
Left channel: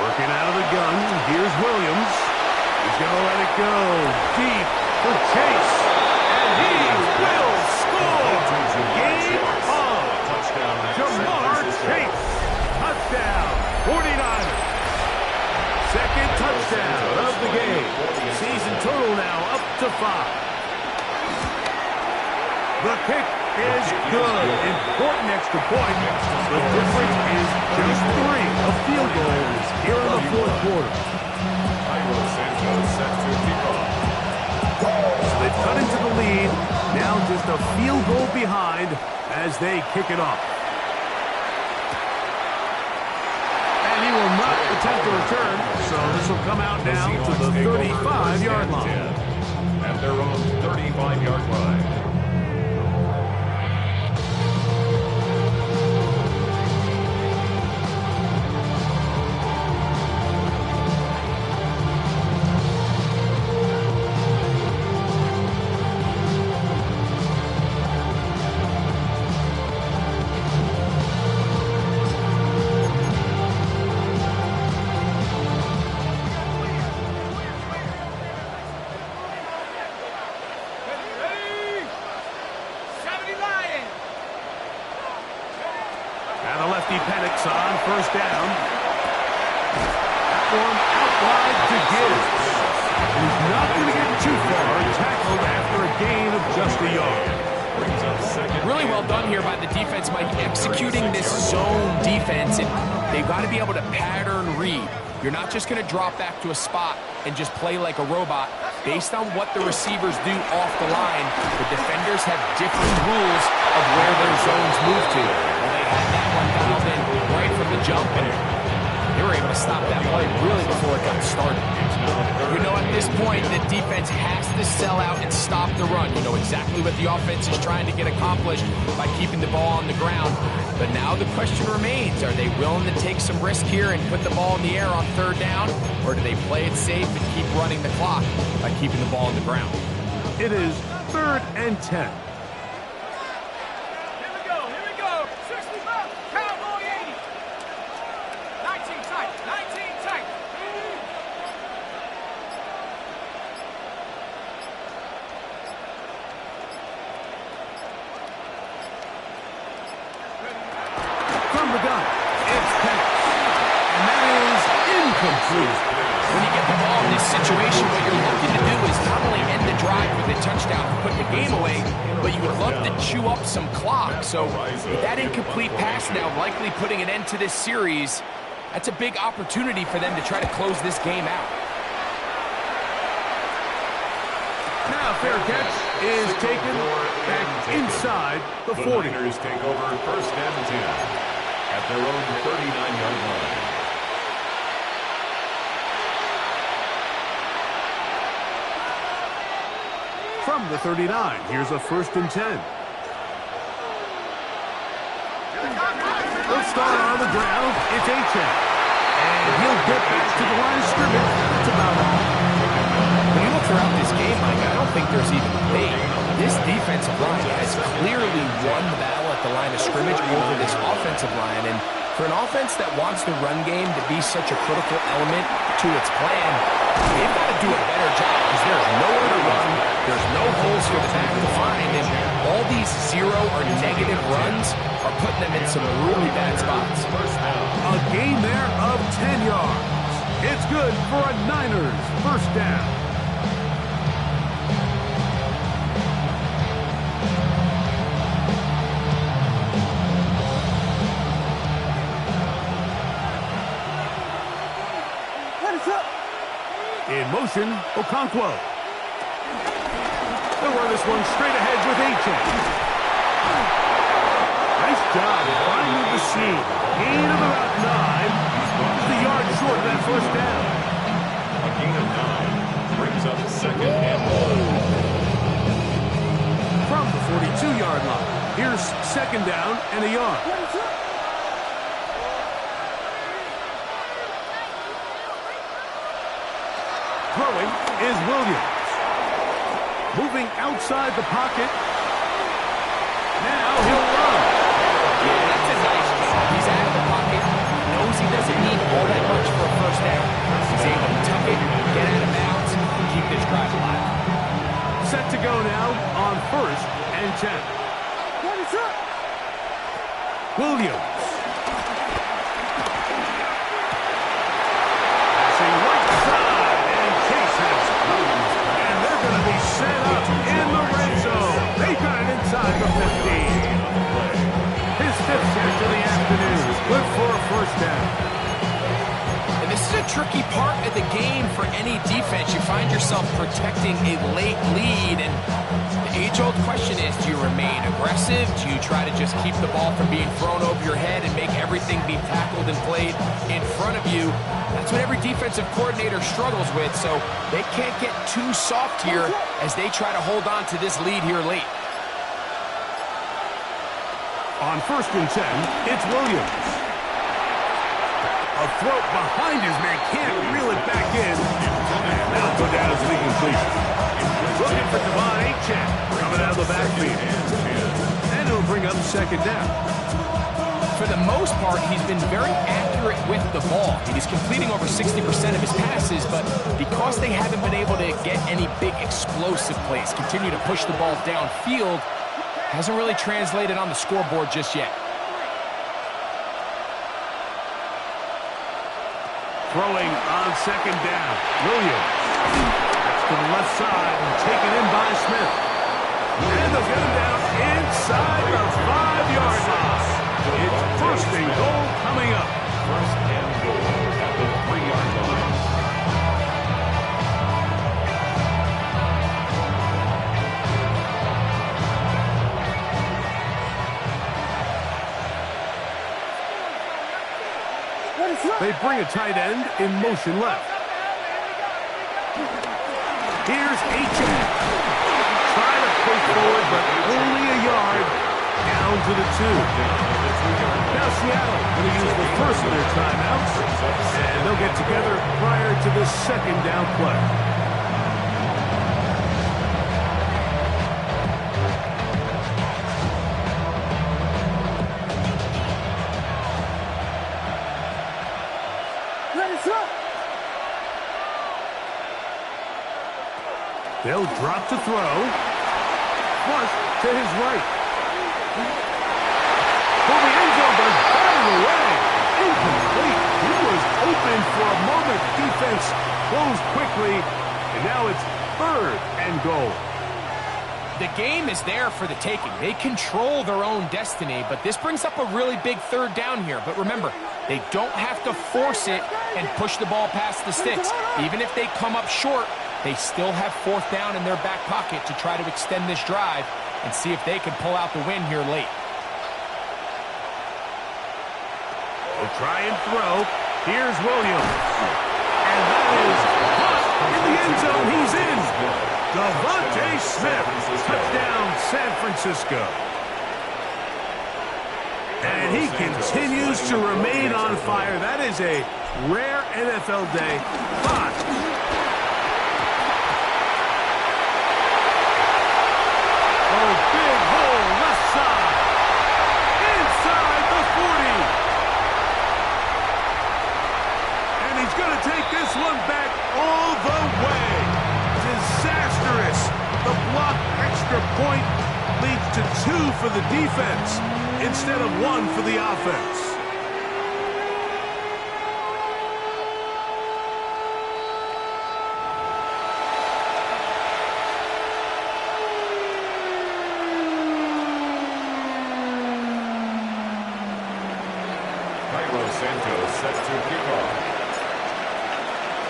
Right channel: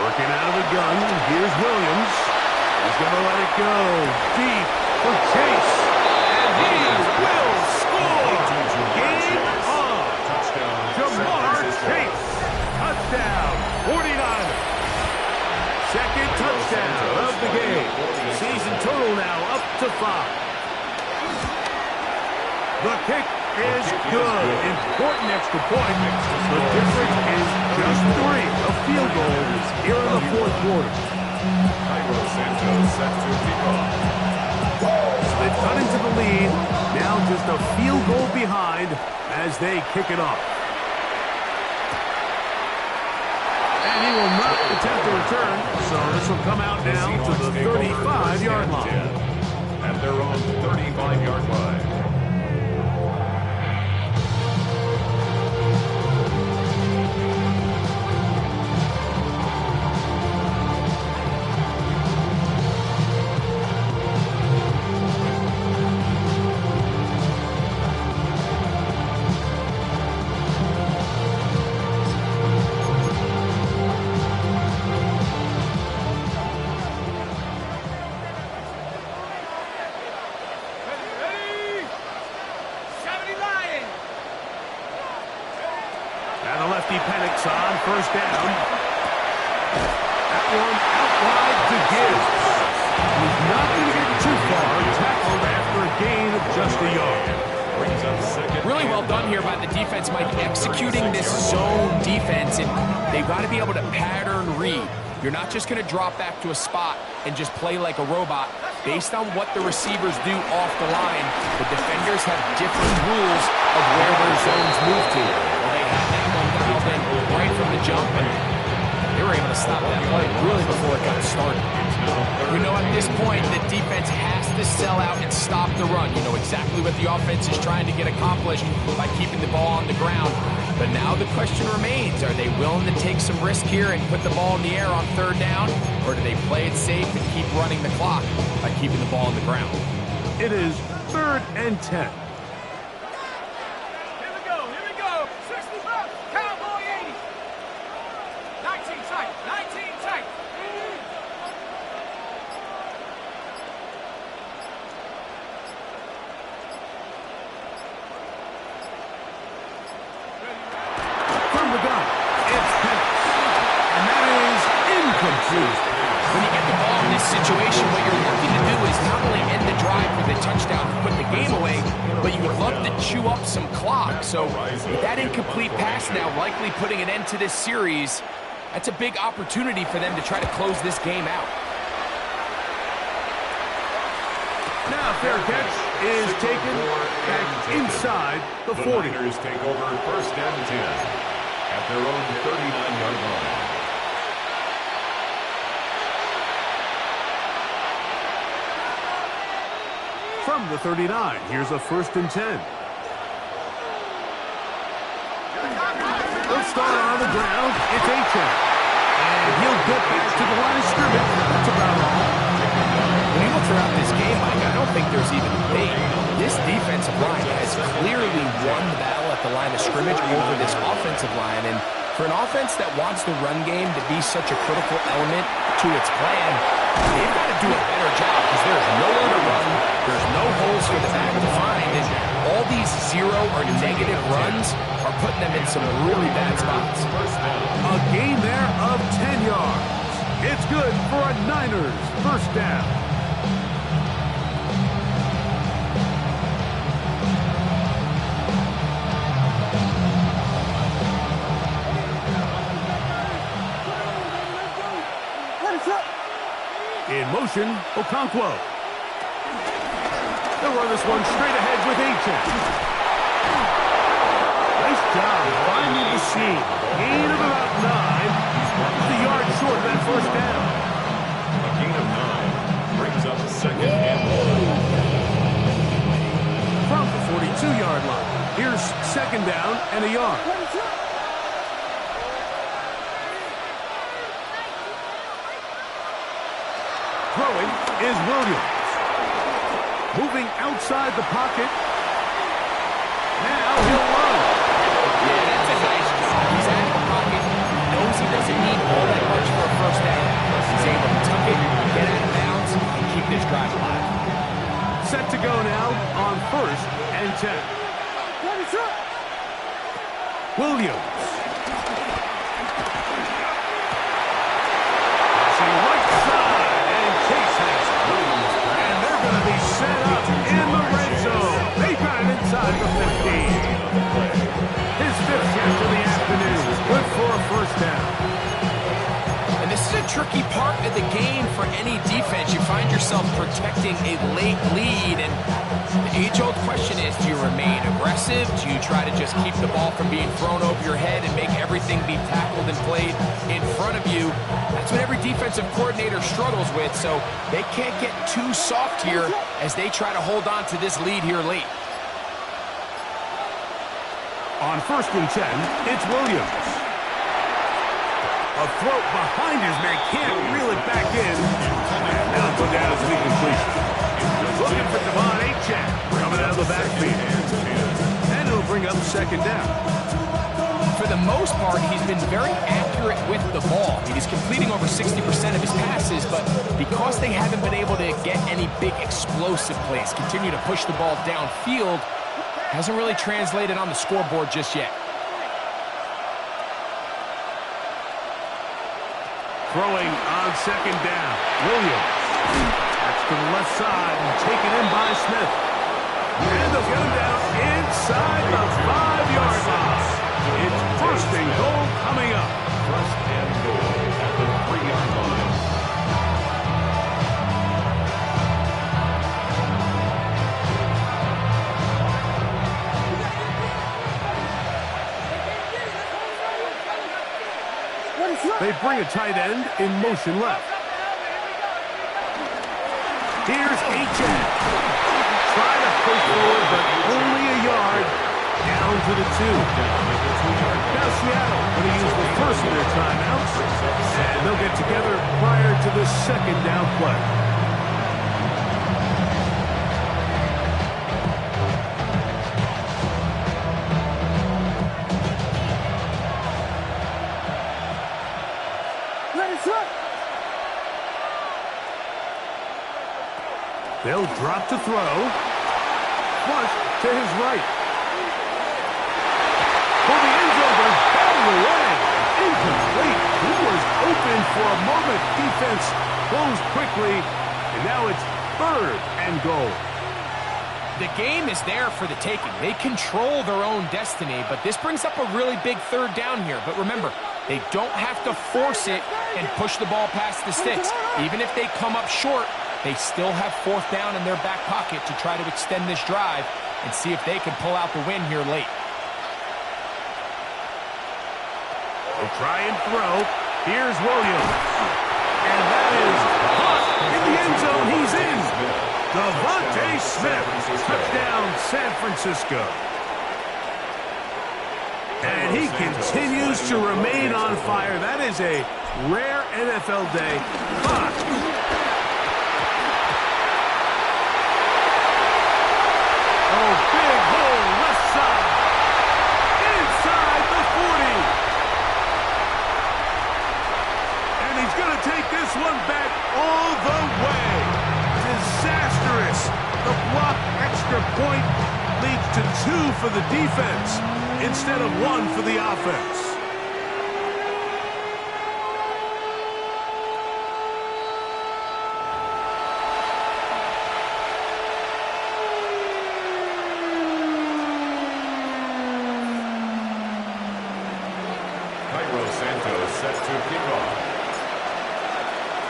Working out of the gun, here's Williams. He's going to let it go deep for Chase. And he will score! Game on! Jamar Chase. Touchdown, 49ers. Second touchdown of the game. Season total now up to 5. The kick is good. Important extra point. The difference is just 3. A field goal here in the fourth quarter. So they've cut into the lead. Now just a field goal behind as they kick it off. And he will not attempt to return. So this will come out now to the 35-yard line. At their own 35-yard line. Penix on first down. That one out wide to Gibbs. He's not going to get too far. Tackled after a gain of just a yard. Really well done here by the defense, Mike, executing this zone defense, and they've got to be able to pattern read. You're not just going to drop back to a spot and just play like a robot. Based on what the receivers do off the line, the defenders have different rules of where their zones move to. Well, they had that one dialed in right from the jump, and they were able to stop that play really before it got started. You know, at this point, the defense has to sell out and stop the run. You know exactly what the offense is trying to get accomplished by keeping the ball on the ground. But now the question remains, are they willing to take some risk here and put the ball in the air on third down? Or do they play it safe and keep running the clock by keeping the ball on the ground? It is 3rd and 10. Here we go. 65, cowboy 80. 19 tight, 19 tight. From the gun, it's Penix. And that is incomplete. When you get the ball in this situation, what you're looking to do is not only end the drive with a touchdown and put the game away, but you would love to chew up some clock. So with that incomplete pass now likely putting an end to this series, that's a big opportunity for them to try to close this game out. Now fair catch is taken back inside the 40. The Niners take over 1st and 10 at their own 39-yard line. From the 39, here's a 1st and 10. They'll start on the ground. It's Achane. And he'll get back to the line of scrimmage. That's about all. When you look throughout this game, Mike, I don't think there's even debate. This defensive line has clearly won the battle at the line of scrimmage over this offensive line. And for an offense that wants the run game to be such a critical element to its plan, they've got to do a better job because there's nowhere to run. There's no holes for the back to find. And all these zero or negative runs are putting them in some really bad spots. A gain there of 10 yards. It's good for a Niners 1st down. In motion, Okonkwo. They'll run this one straight ahead with Achane. Nice job finding the seam. Gain of about 9. Just a yard short of that 1st down. A gain of 9 brings up 2nd and 1. From the 42-yard line, here's 2nd down and a yard. Throwing is Williams. Moving outside the pocket. Now he'll run. Yeah, that's a nice job. He's out of the pocket. He knows he doesn't need all that much for a 1st down. He's able to tuck it, get out of bounds, and keep this drive alive. Set to go now on 1st and 10. Williams. Passing right side, and Chase has it. And they're going to be set up in the red zone. They got it inside the 15. His 5th catch of the afternoon. Good for a 1st down. And this is a tricky part of the game for any defense. You find yourself protecting a late lead, and the age-old question is, do you remain aggressive? Do you try to just keep the ball from being thrown over your head and make everything be tackled and played in front of you? That's what every defensive coordinator struggles with, so they can't get too soft here as they try to hold on to this lead here late. On 1st and 10, it's Williams. A throw behind his man, can't reel it back in. And now go down as an incompletion. Looking for Devon Achane coming out of the backfield. And it'll bring up 2nd down. For the most part, he's been very accurate with the ball. He's completing over 60% of his passes, but because they haven't been able to get any big explosive plays, continue to push the ball downfield, hasn't really translated on the scoreboard just yet. Throwing on 2nd down. Williams. That's to the left side and taken in by Smith. And they'll get him down inside the 5-yard line. It's 1st and goal coming up. 1st and goal at the 3-yard line. They bring a tight end in motion left. Here's H.A. Try to push forward, but only a yard. Down to the 2. Now Seattle going to use the first of their timeouts, and they'll get together prior to the second down play. They'll drop to throw. Flush to his right. For the end zone, but it's batted away. Incomplete. He was open for a moment. Defense closed quickly, and now it's 3rd and goal. The game is there for the taking. They control their own destiny, but this brings up a really big 3rd down here. But remember, they don't have to force it and push the ball past the sticks. Even if they come up short, they still have 4th down in their back pocket to try to extend this drive and see if they can pull out the win here late. They'll try and throw. Here's Williams. And that is hot in the end zone. He's in. Devontae Smith. Touchdown, San Francisco. And he continues to remain on fire. That is a rare NFL day. Hot. Oh, big hole left side. Inside the 40. And he's going to take this one back all the way. Disastrous. The block extra point leads to 2 for the defense instead of 1 for the offense. Santos set to kick off.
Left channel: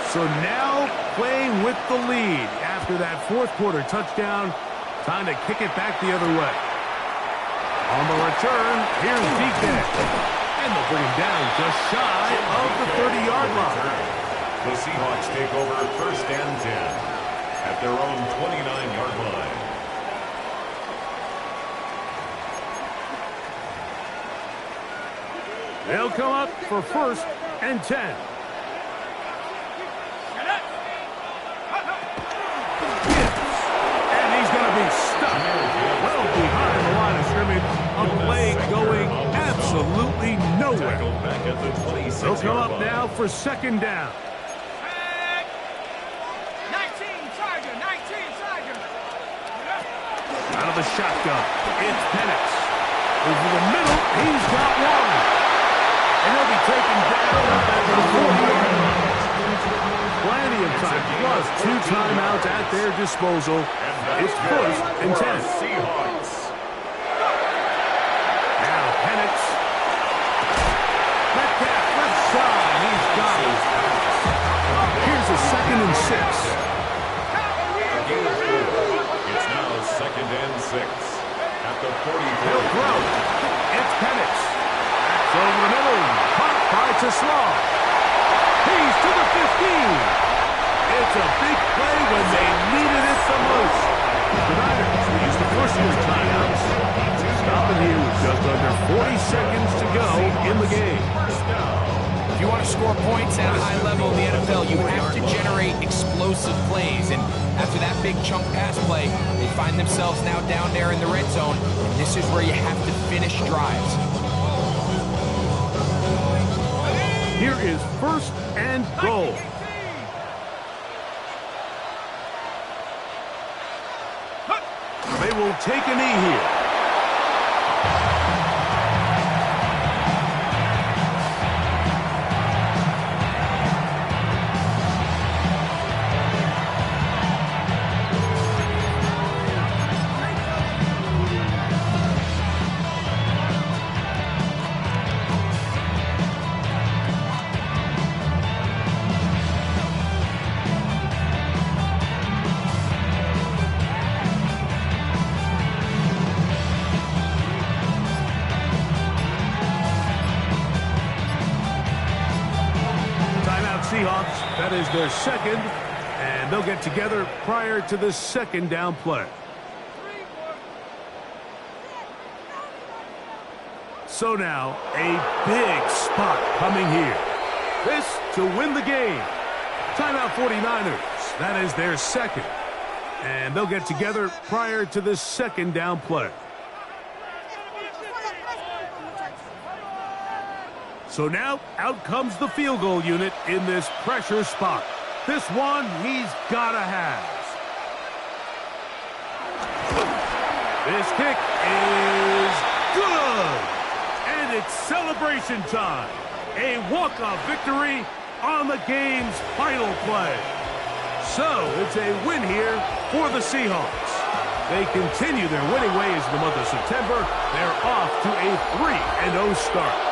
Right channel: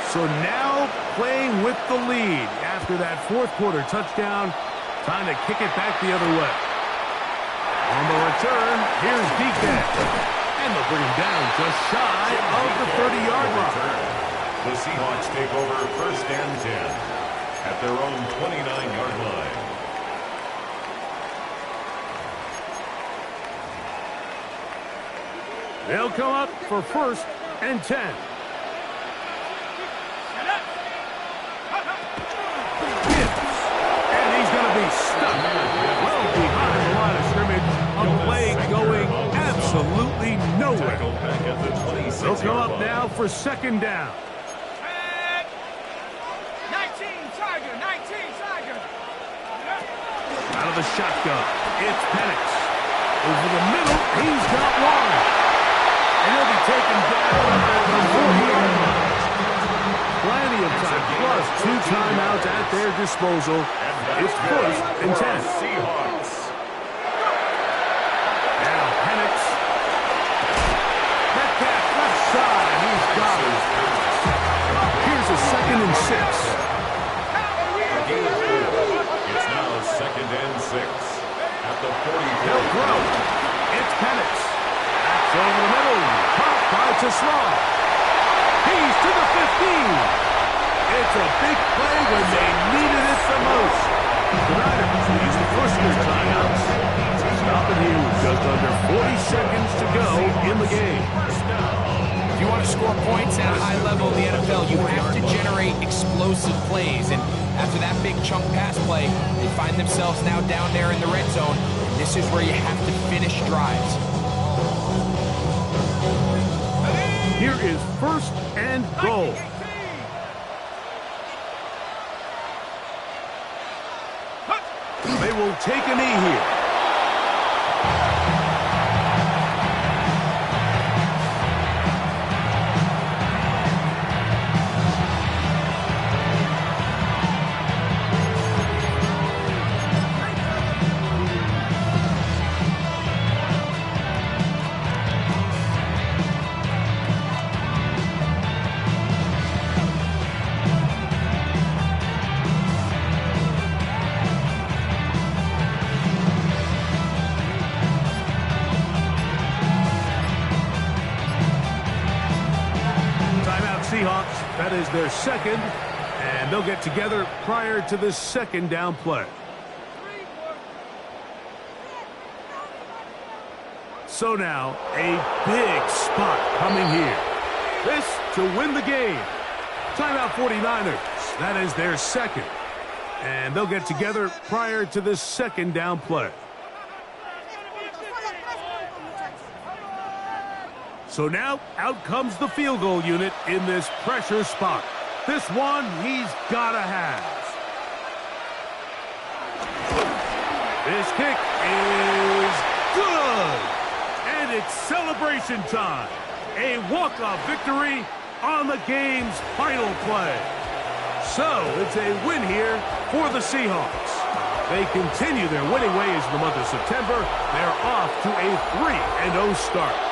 So now playing with the lead after that 4th quarter touchdown. Time to kick it back the other way. On the return, here's DK. And they'll bring him down just shy of the 30-yard line. The Seahawks take over 1st and 10 at their own 29-yard line. They'll come up for 1st and 10. And he's going to be stuck well behind the line of scrimmage. A play going absolutely nowhere. They'll come up now for 2nd down. 19 Tiger. Out of the shotgun, it's Penix. Over the middle, he's got one. And he'll be taken down at the 40-yard line. Plenty of time, plus 2 timeouts at their disposal. It's 1st and 10. Seahawks. Now Penix. Metcalf left side. He's got it. Here's a 2nd and 6. It's now 2nd and 6 at the 40. He'll throw. It's Penix. That's over the middle. Caught by Tesla. He's to the 15. It's a big play when they needed it the most. The Niners will use the first of their timeouts. Stopping here with just under 40 seconds to go in the game. If you want to score points at a high level in the NFL, you have to generate explosive plays. And after that big chunk pass play, they find themselves now down there in the red zone. And this is where you have to finish drives. Here is 1st and goal. They will take a knee here. Seahawks, that is their 2nd And they'll get together prior to the second down play. So now, a big spot coming here. This to win the game. Timeout 49ers. That is their second. And they'll get together prior to the second down play. So now, out comes the field goal unit in this pressure spot. This one he's got to have. This kick is good. And it's celebration time. A walk-off victory on the game's final play. So it's a win here for the Seahawks. They continue their winning ways in the month of September. They're off to a 3-0 start.